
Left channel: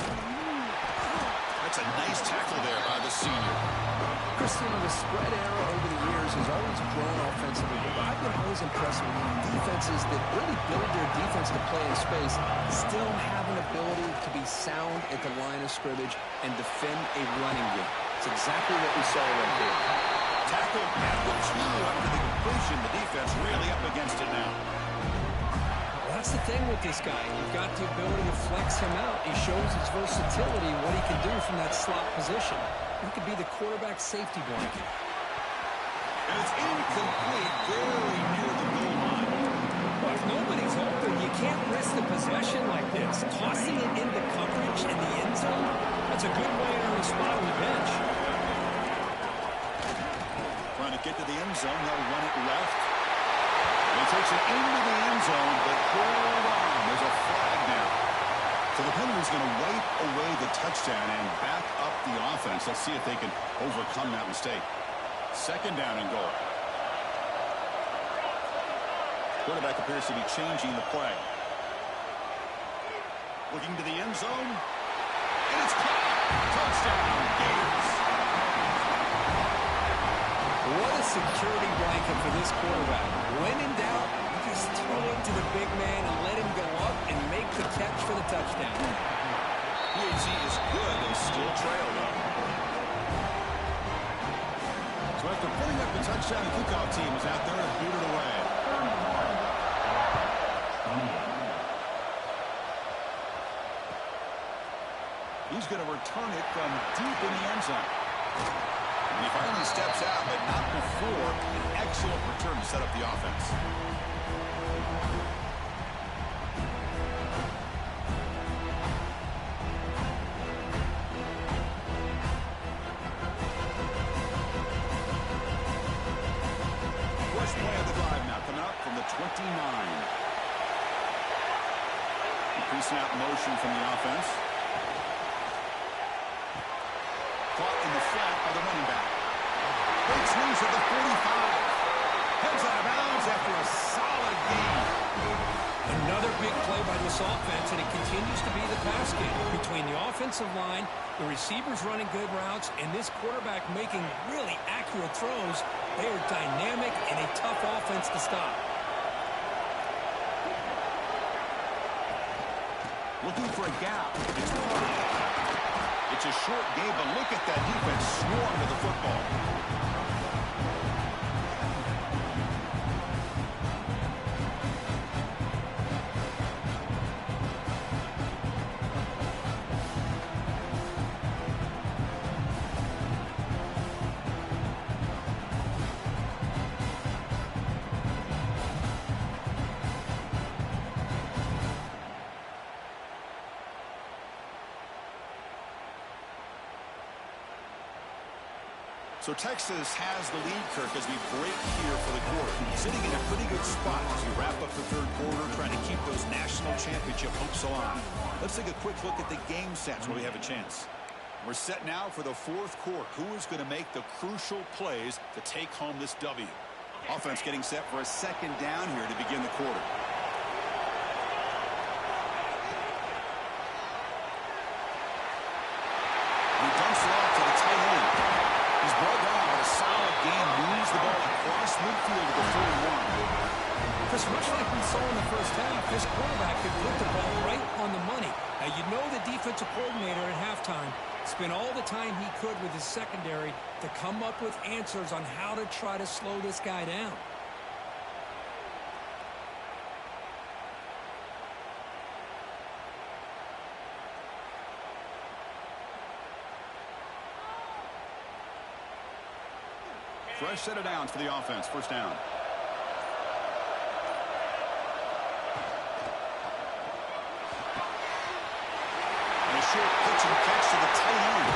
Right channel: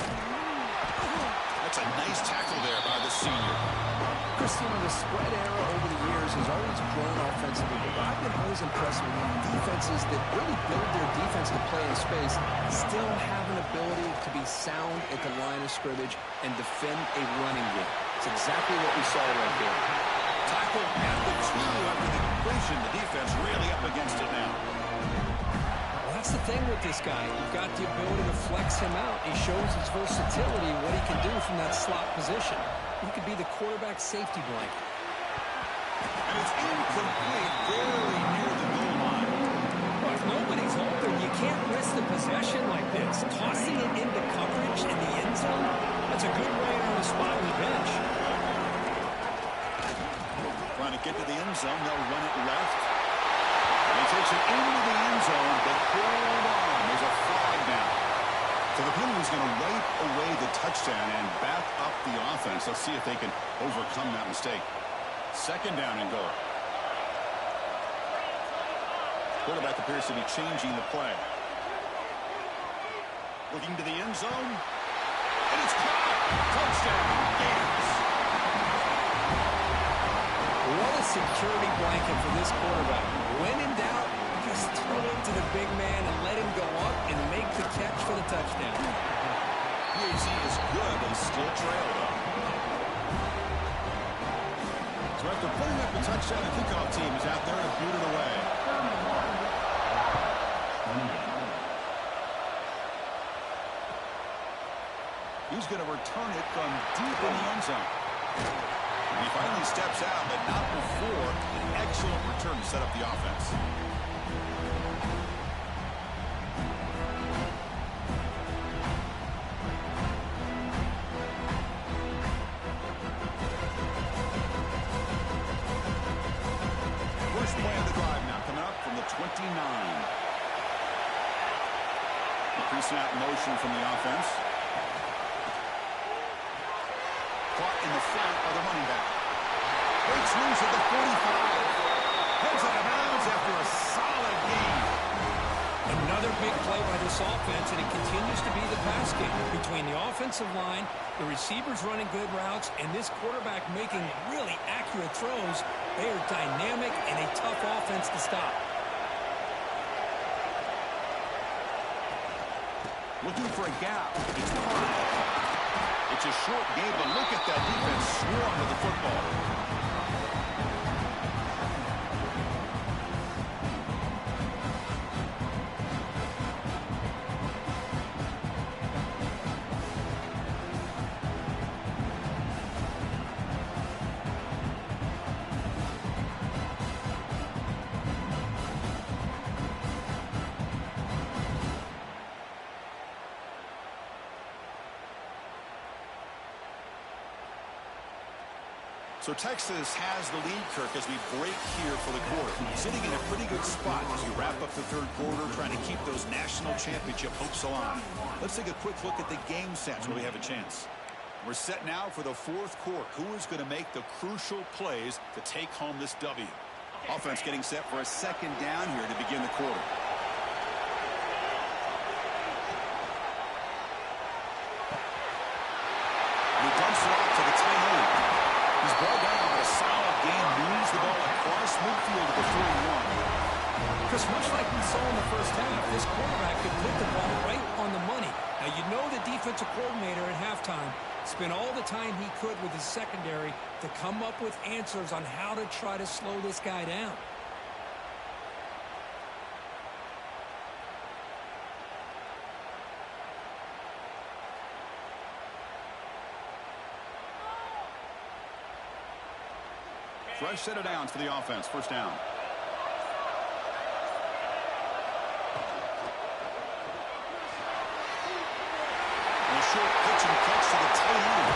That's a nice tackle there by the senior. Christian, the spread era over the years has always grown offensively, but I've been always impressed with defenses that really build their defense to play in space, still have an ability to be sound at the line of scrimmage and defend a running game. It's exactly what we saw right there. Tackle at the 2 after the completion. The defense really up against it now. That's the thing with this guy. You've got the ability to flex him out. He shows his versatility, what he can do from that slot position. He could be the quarterback safety blanket. And it's incomplete, very near the goal line. Well, if nobody's open, you can't risk the possession like this. Tossing it into coverage in the end zone, that's a good way to earn a spot on the bench. Trying to get to the end zone, they'll run it left. He takes it into the end zone, but hold on. There's a flag now. So the penalty's going to wipe away the touchdown and back up the offense. Let's see if they can overcome that mistake. Second down and goal. Quarterback appears to be changing the play. Looking to the end zone. And it's caught. Touchdown, Gators. What a security blanket for this quarterback. When in doubt, just throw it to the big man and let him go up and make the catch for the touchdown. PAC is good. They still trail, though. So after putting up the touchdown, the kickoff team is out there to boot it away. 28. He's going to return it from deep in the end zone. And he finally steps out, but not before an excellent return to set up the offense. First play of the drive now coming up from the 29. Increasing out motion from the offense. Caught in the flat by the running back. Breaks loose at the 45. Heads out of bounds after a solid gain. Another big play by this offense, and it continues to be the pass game. Between the offensive line, the receivers running good routes, and this quarterback making really accurate throws, they are dynamic and a tough offense to stop. Looking for a gap. It's caught. It's a short game, but look at that defense swarm to the football. So Texas has the lead, Kirk, as we break here for the quarter. Sitting in a pretty good spot as we wrap up the third quarter, trying to keep those national championship hopes alive. Let's take a quick look at the game sets where we have a chance. We're set now for the fourth quarter. Who is going to make the crucial plays to take home this W? Offense getting set for a second down here to begin the quarter. He dumps it off to the tight end. He's brought down, but a solid gain moves the ball across midfield to the 41. Chris, much like we saw in the first half, this quarterback could put the ball right on the money. Now, you know the defensive coordinator at halftime spent all the time he could with his secondary to come up with answers on how to try to slow this guy down. Fresh set of downs for the offense. First down. And a short pitch and catch to the tight end.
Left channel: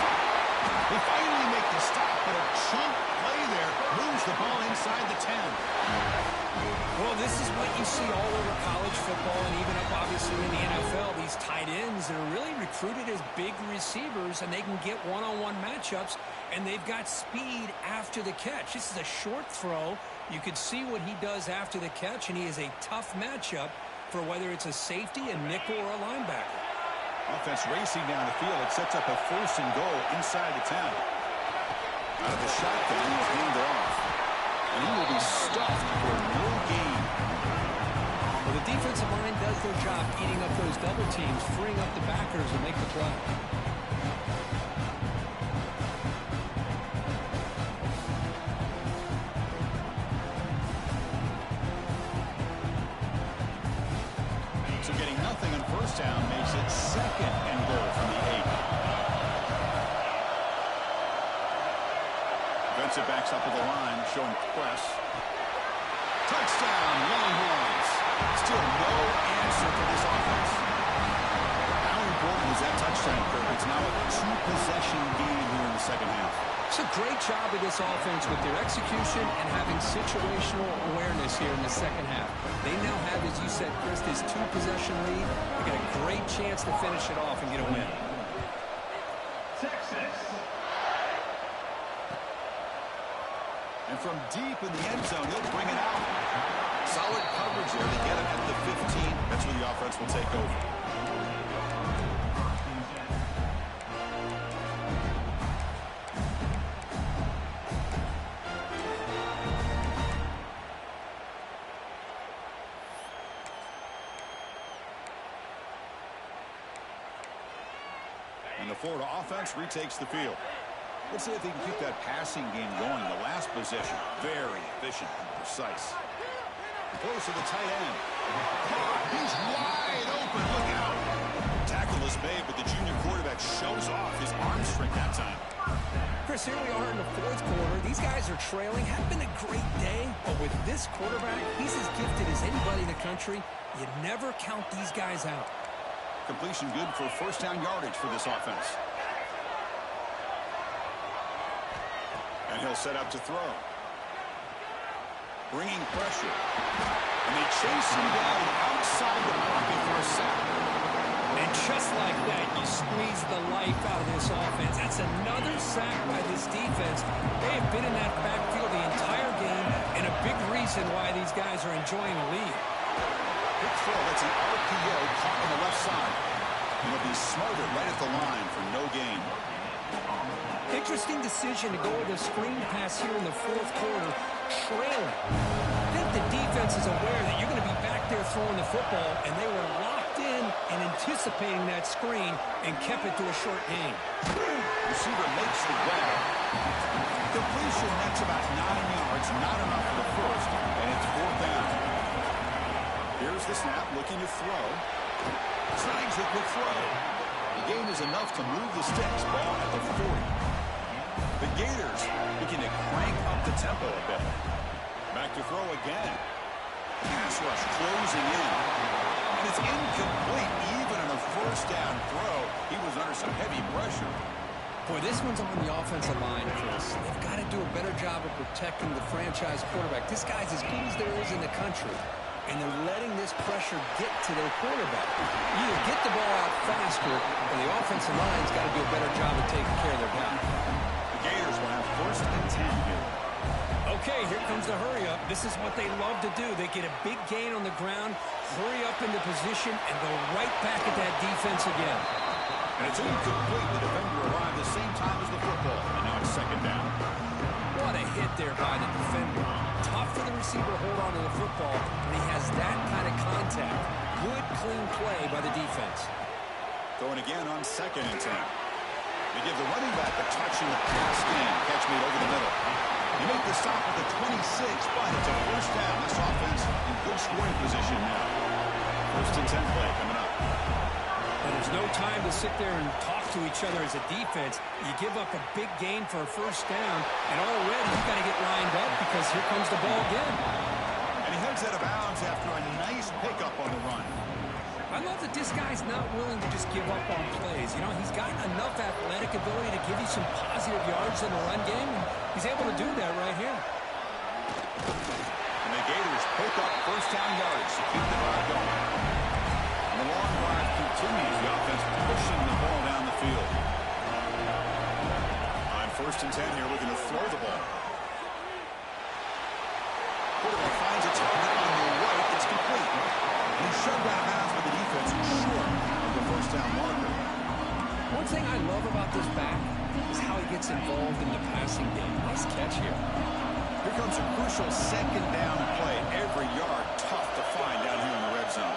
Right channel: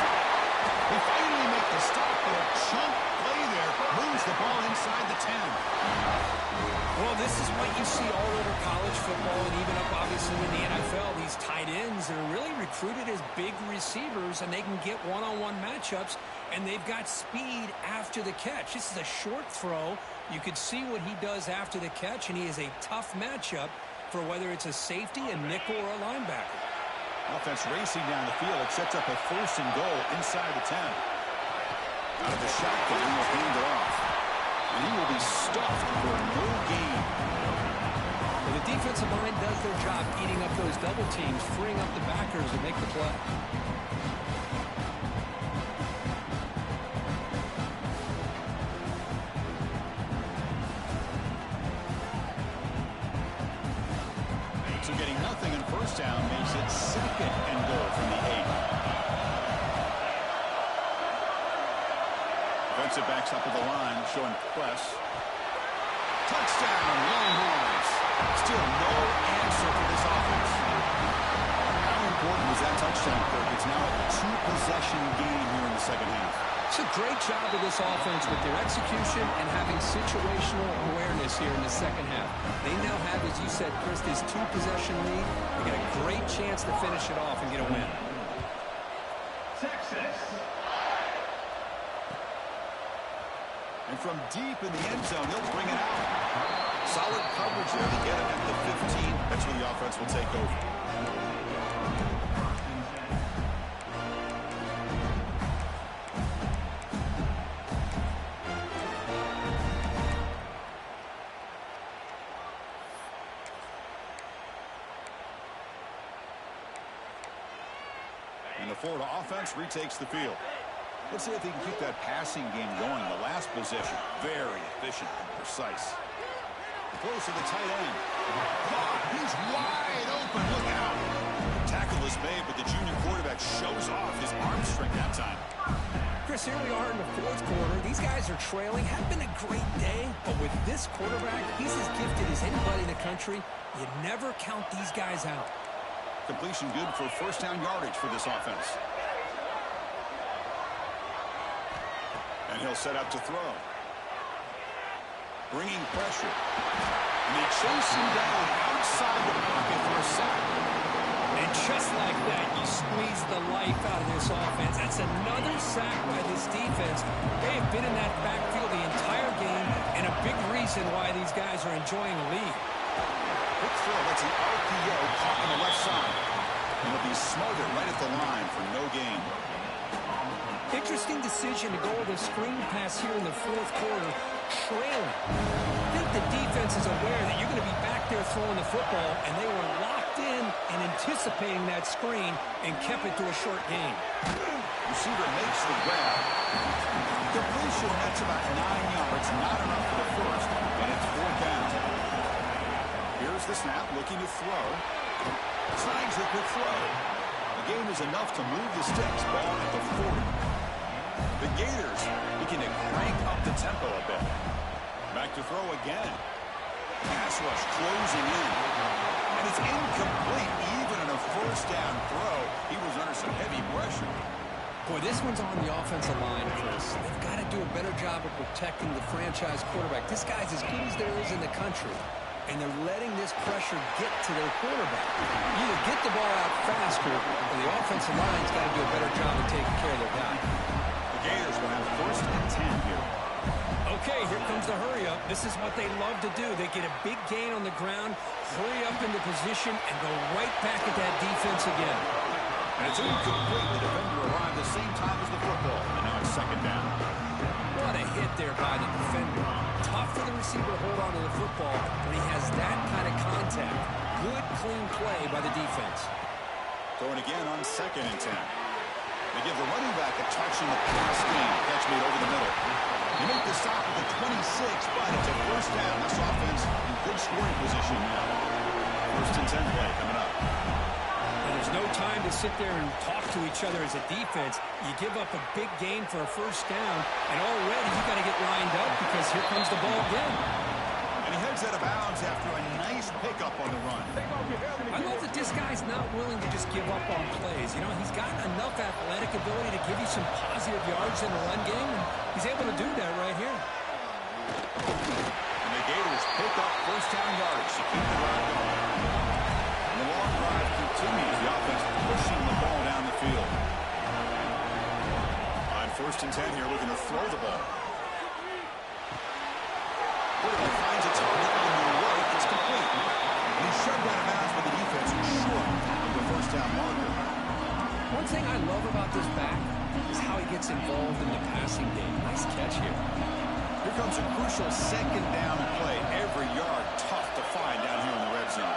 They finally make the stop, but a chunk play there moves the ball inside the 10. Well, this is what you see all over college football and even up, obviously, in the NFL. These tight ends that are really recruited as big receivers, and they can get one-on-one matchups, and they've got speed after the catch. This is a short throw. You could see what he does after the catch, and he is a tough matchup for whether it's a safety, a nickel, or a linebacker. Offense racing down the field. It sets up a first and goal inside the 10. Out of the shotgun, he'll hand it off. And he will be stuffed for no gain. Well, the defensive line does their job eating up those double teams, freeing up the backers to make the play. So getting nothing on first down makes it second and goal from the 8. Defensive backs up at the line, showing press. Touchdown, Longhorns. Still no answer for this offense. How important was that touchdown, Kirk? It's now a 2-possession game here in the second half. It's a great job of this offense with their execution and having situational awareness here in the second half. They now have, as you said, Chris, this 2-possession lead. They got a great chance to finish it off and get a win. Texas. And from deep in the end zone, he'll bring it out. Solid coverage there to get him at the 15. That's where the offense will take over. And the Florida offense retakes the field. Let's see if they can keep that passing game going. The last possession, very efficient and precise. Close to the tight end. Caught. He's wide open. Look out. Tackle is made, but the junior quarterback shows off his arm strength that time. Chris, here we are in the fourth quarter. These guys are trailing. Had been a great day, but with this quarterback, he's as gifted as anybody in the country. You never count these guys out. Completion good for first down yardage for this offense. And he'll set up to throw. Bringing pressure. And they chase him down outside the pocket for a sack. And just like that, you squeeze the life out of this offense. That's another sack by this defense. They have been in that backfield the entire game, and a big reason why these guys are enjoying a lead. Quick throw. That's an RPO caught on the left side. And he'll be smothered right at the line for no gain. Interesting decision to go with a screen pass here in the fourth quarter, trailing. I think the defense is aware that you're going to be back there throwing the football, and they were locked in and anticipating that screen and kept it to a short gain. Receiver makes the grab. Completion, that's about 9 yards, not enough for the first, and it's fourth down. Here's the snap, looking to throw. Snags the quick throw. The gain is enough to move the sticks. Ball at the 40. The Gators begin to crank up the tempo a bit. Back to throw again. Pass rush closing in. And it's incomplete. Even in a first down throw, he was under some heavy pressure. Boy, this one's on the offensive line, Chris. They've got to do a better job of protecting the franchise quarterback. This guy's as good as there is in the country. And they're letting this pressure get to their quarterback. Either get the ball out faster, or the offensive line's got to do a better job of taking care of their guy. The Gators will have first and 10 here. Okay, here comes the hurry up. This is what they love to do. They get a big gain on the ground, hurry up into position, and go right back at that defense again. And it's incomplete. The defender arrived the same time as the football. And now it's second down. What a hit there by the defender. Tough for the receiver to hold on to the football when he has that kind of contact. Good, clean play by the defense. Throwing again on second and 10. They give the running back a touch in the pass game. Catch made over the middle. They make the stop at the 26, but it's a first down. This offense in good scoring position now. First and 10 play coming up. Well, there's no time to sit there and talk to each other as a defense. You give up a big gain for a first down, and already you got to get lined up because here comes the ball again. And he heads out of bounds after a nice pickup on the run. I love that this guy's not willing to just give up on plays. You know, he's got enough athletic ability to give you some positive yards in the run game, and he's able to do that right here. And the Gators pick up first down yardage to keep the drive going. And the long drive continues. The offense pushing the ball down the field. On first and 10 here, looking to throw the ball. Quarterback finds a target on the right. It's complete. And he's shoved out of bounds by the defense short of the first down marker. One thing I love about this back is how he gets involved in the passing game. Nice catch here. Here comes a crucial second down play. Every yard tough to find down here in the red zone.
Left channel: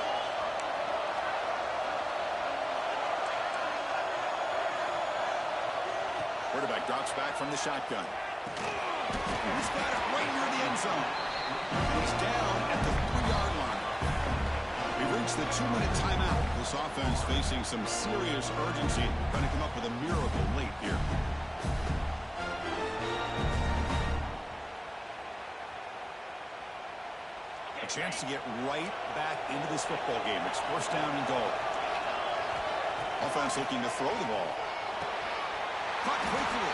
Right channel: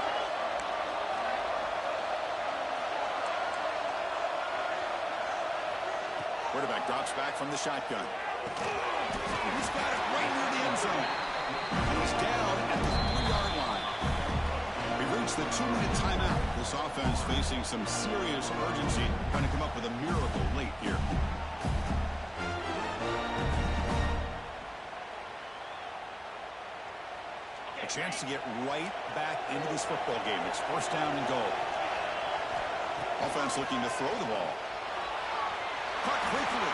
Quarterback drops back from the shotgun. He's got it right near the end zone. And he's down at the 3-yard line. We've reached the 2-minute timeout. This offense facing some serious urgency, trying to come up with a miracle late here. A chance to get right back into this football game. It's first down and goal. Offense looking to throw the ball. Caught quickly.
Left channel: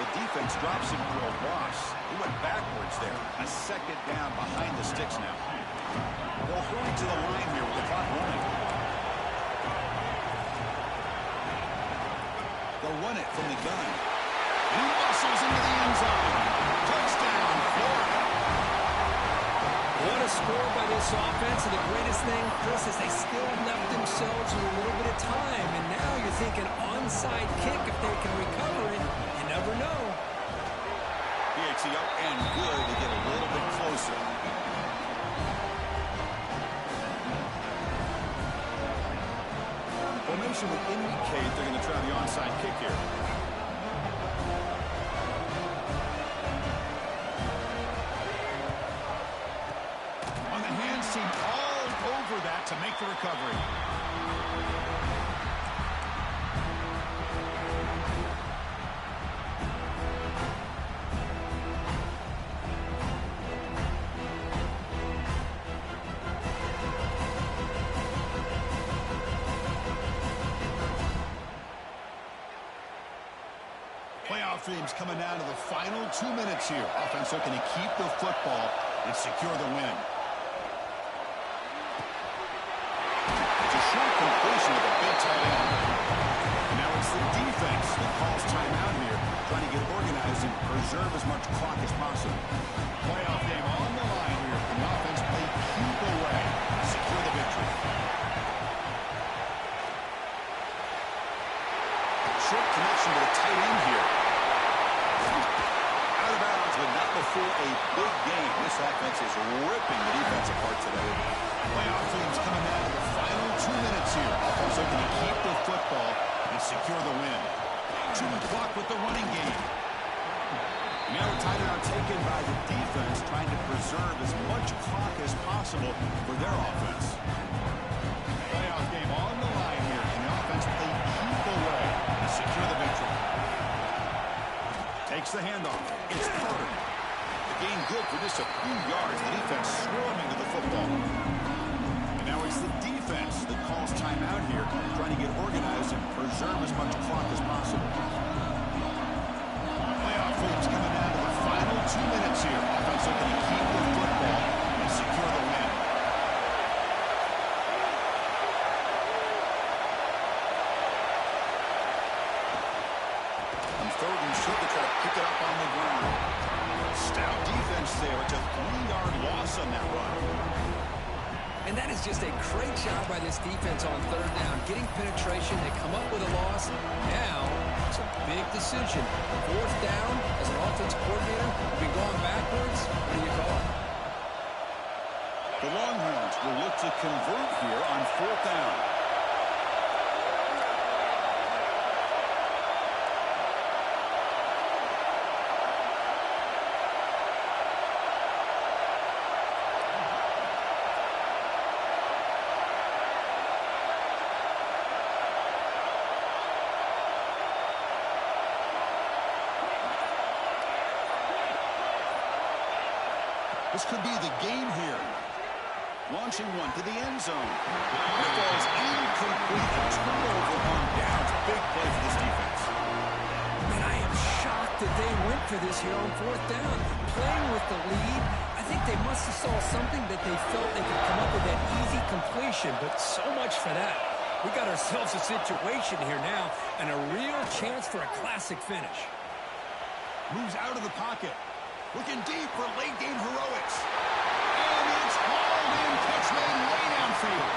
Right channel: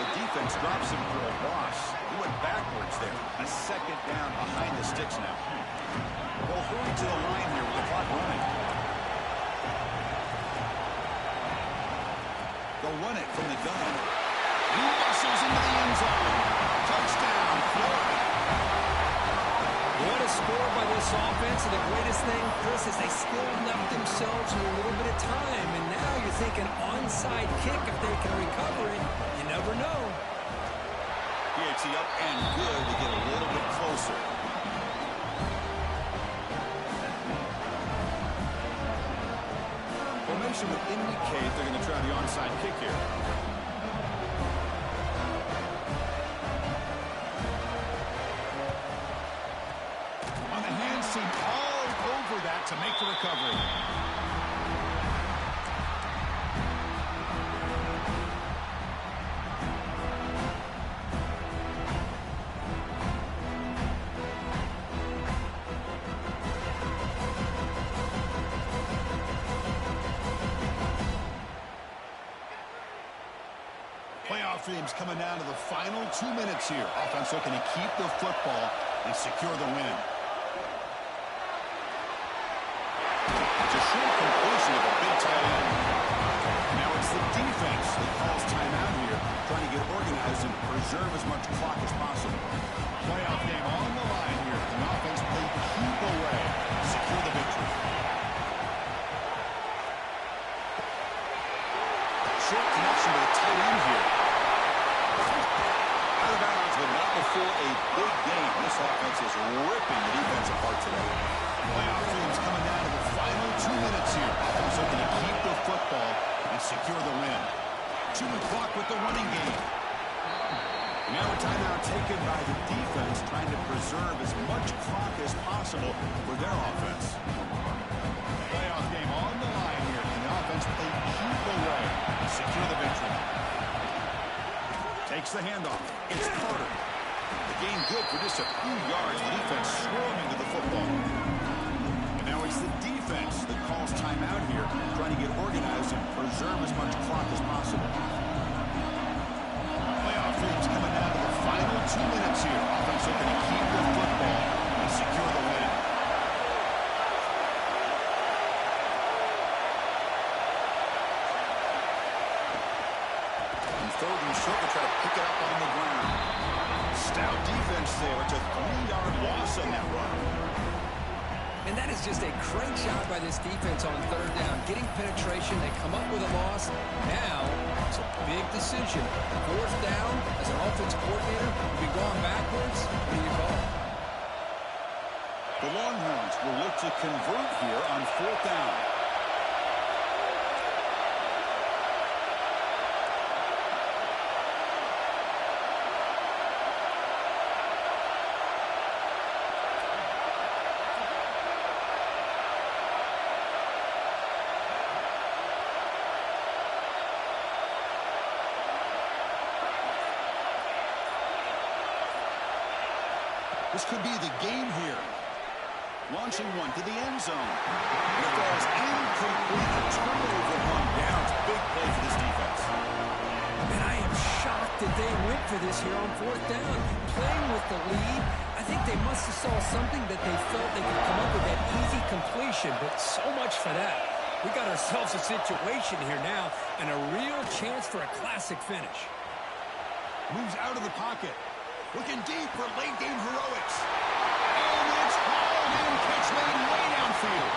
The defense drops him for a loss. He went backwards there. A second down behind the sticks now. They'll hurry to the line here with the clock running. They'll run it from the gun. And he muscles into the end zone. Touchdown, Florida. What a a score by this offense, and the greatest thing, Chris, is they still left themselves with a little bit of time. And now you're thinking onside kick, if they can recover it, you never know. PAT up and good to get a little bit closer. Formation would indicate they're going to try the onside kick here. On the hands team all over that to make the recovery. Playoff dreams coming down to the final 2 minutes here. Offense looking to keep the football and secure the win. It's a short completion of a big tight end. And now it's the defense that calls timeout here, trying to get organized and preserve as much clock as possible. Playoff game on the line here. Can the offense play keep away, secure the victory? Short connection to the tight end here. Out of bounds, but not before a big game. This offense is ripping the defense apart today. Playoff teams coming down to the final 2 minutes here. Offense looking to keep the football and secure the win. 2 o'clock with the running game. And now a timeout taken by the defense, trying to preserve as much clock as possible for their offense. Playoff game on the line here. Can the offense play keep away and secure the victory? Takes the handoff. It's Carter. The gain good for just a few yards. The defense swarming to the football. And now it's the defense that calls timeout here, trying to get organized and preserve as much clock as possible. Playoff dreams coming down to the final 2 minutes here. Offense looking to keep the football and secure the win. Third and short, they try to pick it up on the ground. Stout defense there. It's a 3-yard loss on that run. And that is just a great job by this defense on third down. Getting penetration, they come up with a loss. Now, it's a big decision. Fourth down, as an offensive coordinator, you've been going backwards. What do you call? The Longhorns will look to convert here on fourth down. This could be the game here. Launching one to the end zone. It falls incomplete. A turnover on downs. Big play for this defense. Man, I am shocked that they went for this here on fourth down. Playing with the lead, I think they must have saw something that they felt they could come up with that easy completion, but so much for that. We got ourselves a situation here now and a real chance for a classic finish. Moves out of the pocket. Looking deep for late-game heroics. And it's hauled in. Catch made way downfield.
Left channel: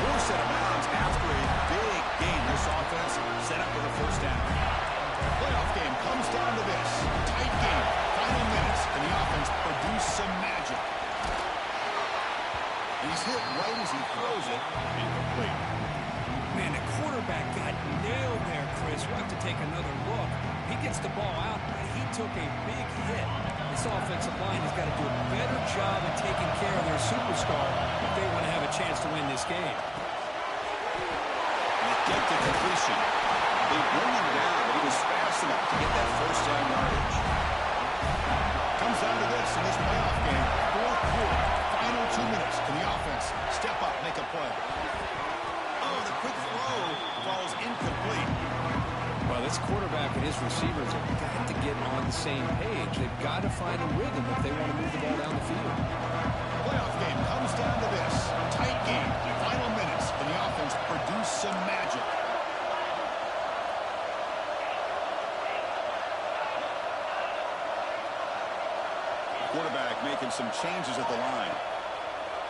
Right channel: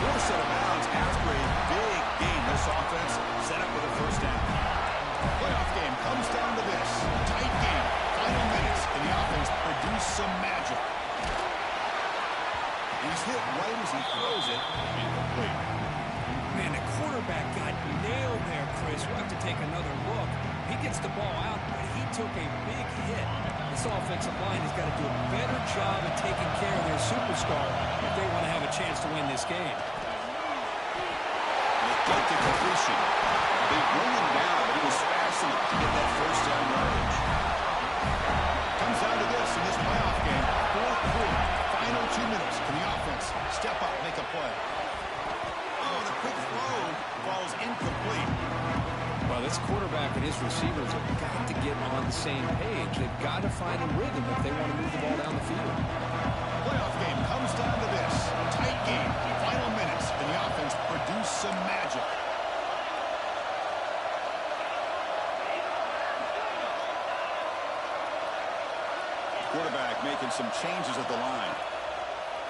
Forced out of bounds after a big gain. This offense set up with a first down. Playoff game comes down to this. Tight game. Final minutes. Can the offense produce some magic? He's hit right as he throws it. Incomplete. Man, the quarterback got nailed there, Chris. We'll have to take another look. He gets the ball out, but he took a big hit. This offensive line has got to do a better job at taking care of their superstar if they want to have a chance to win this game. They get the completion. They bring him down, but he was fast enough to get that first down yardage. Comes down to this in this playoff game. Fourth quarter, final 2 minutes. Can the offense step up, make a play? Oh, the quick throw falls incomplete. Well, this quarterback and his receivers have got to get on the same page. They've got to find a rhythm if they want to move the ball down the field. Playoff game comes down to this. Tight game. Final minutes. Can the offense produce some magic? Quarterback making some changes at the line.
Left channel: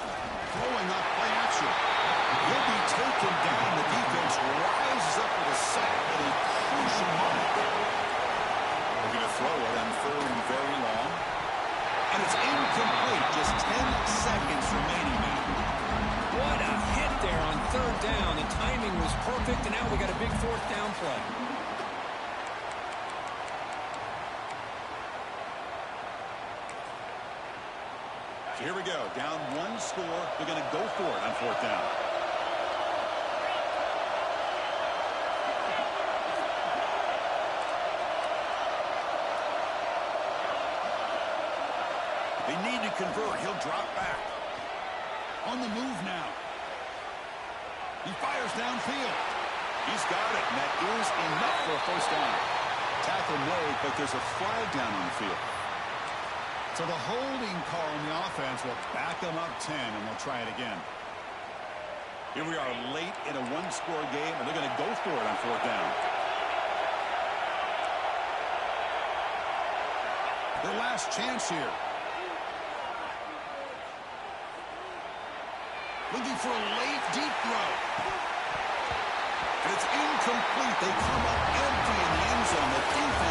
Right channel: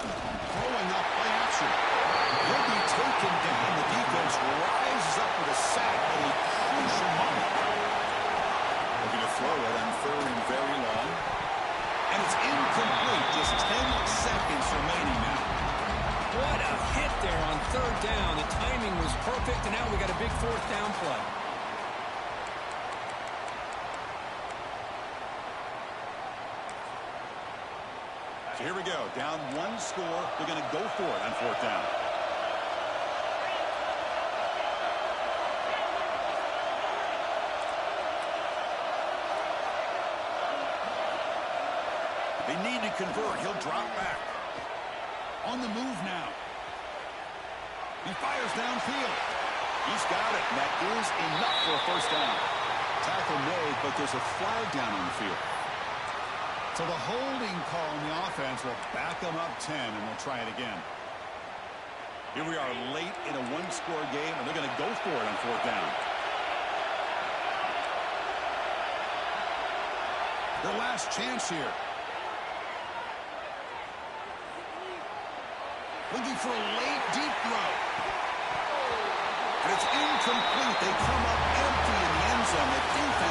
Throwing off play action. He'll be taken down. The defense rises up with a sack at a crucial moment. Looking to throw it on third and very long. And it's incomplete. Just 10 seconds remaining now. What a hit there on third down. The timing was perfect, and now we got a big fourth down play. So here we go. Down one score. They're going to go for it on fourth down. They need to convert. He'll drop back. On the move now. He fires downfield. He's got it, and that is enough for a first down. Tackle made, but there's a flag down on the field. So the holding call on the offense will back them up 10, and they'll try it again. Here we are late in a one-score game, and they're going to go for it on fourth down. Their last chance here. Looking for a late, deep throw. And it's incomplete. They come up empty in the end zone. The defense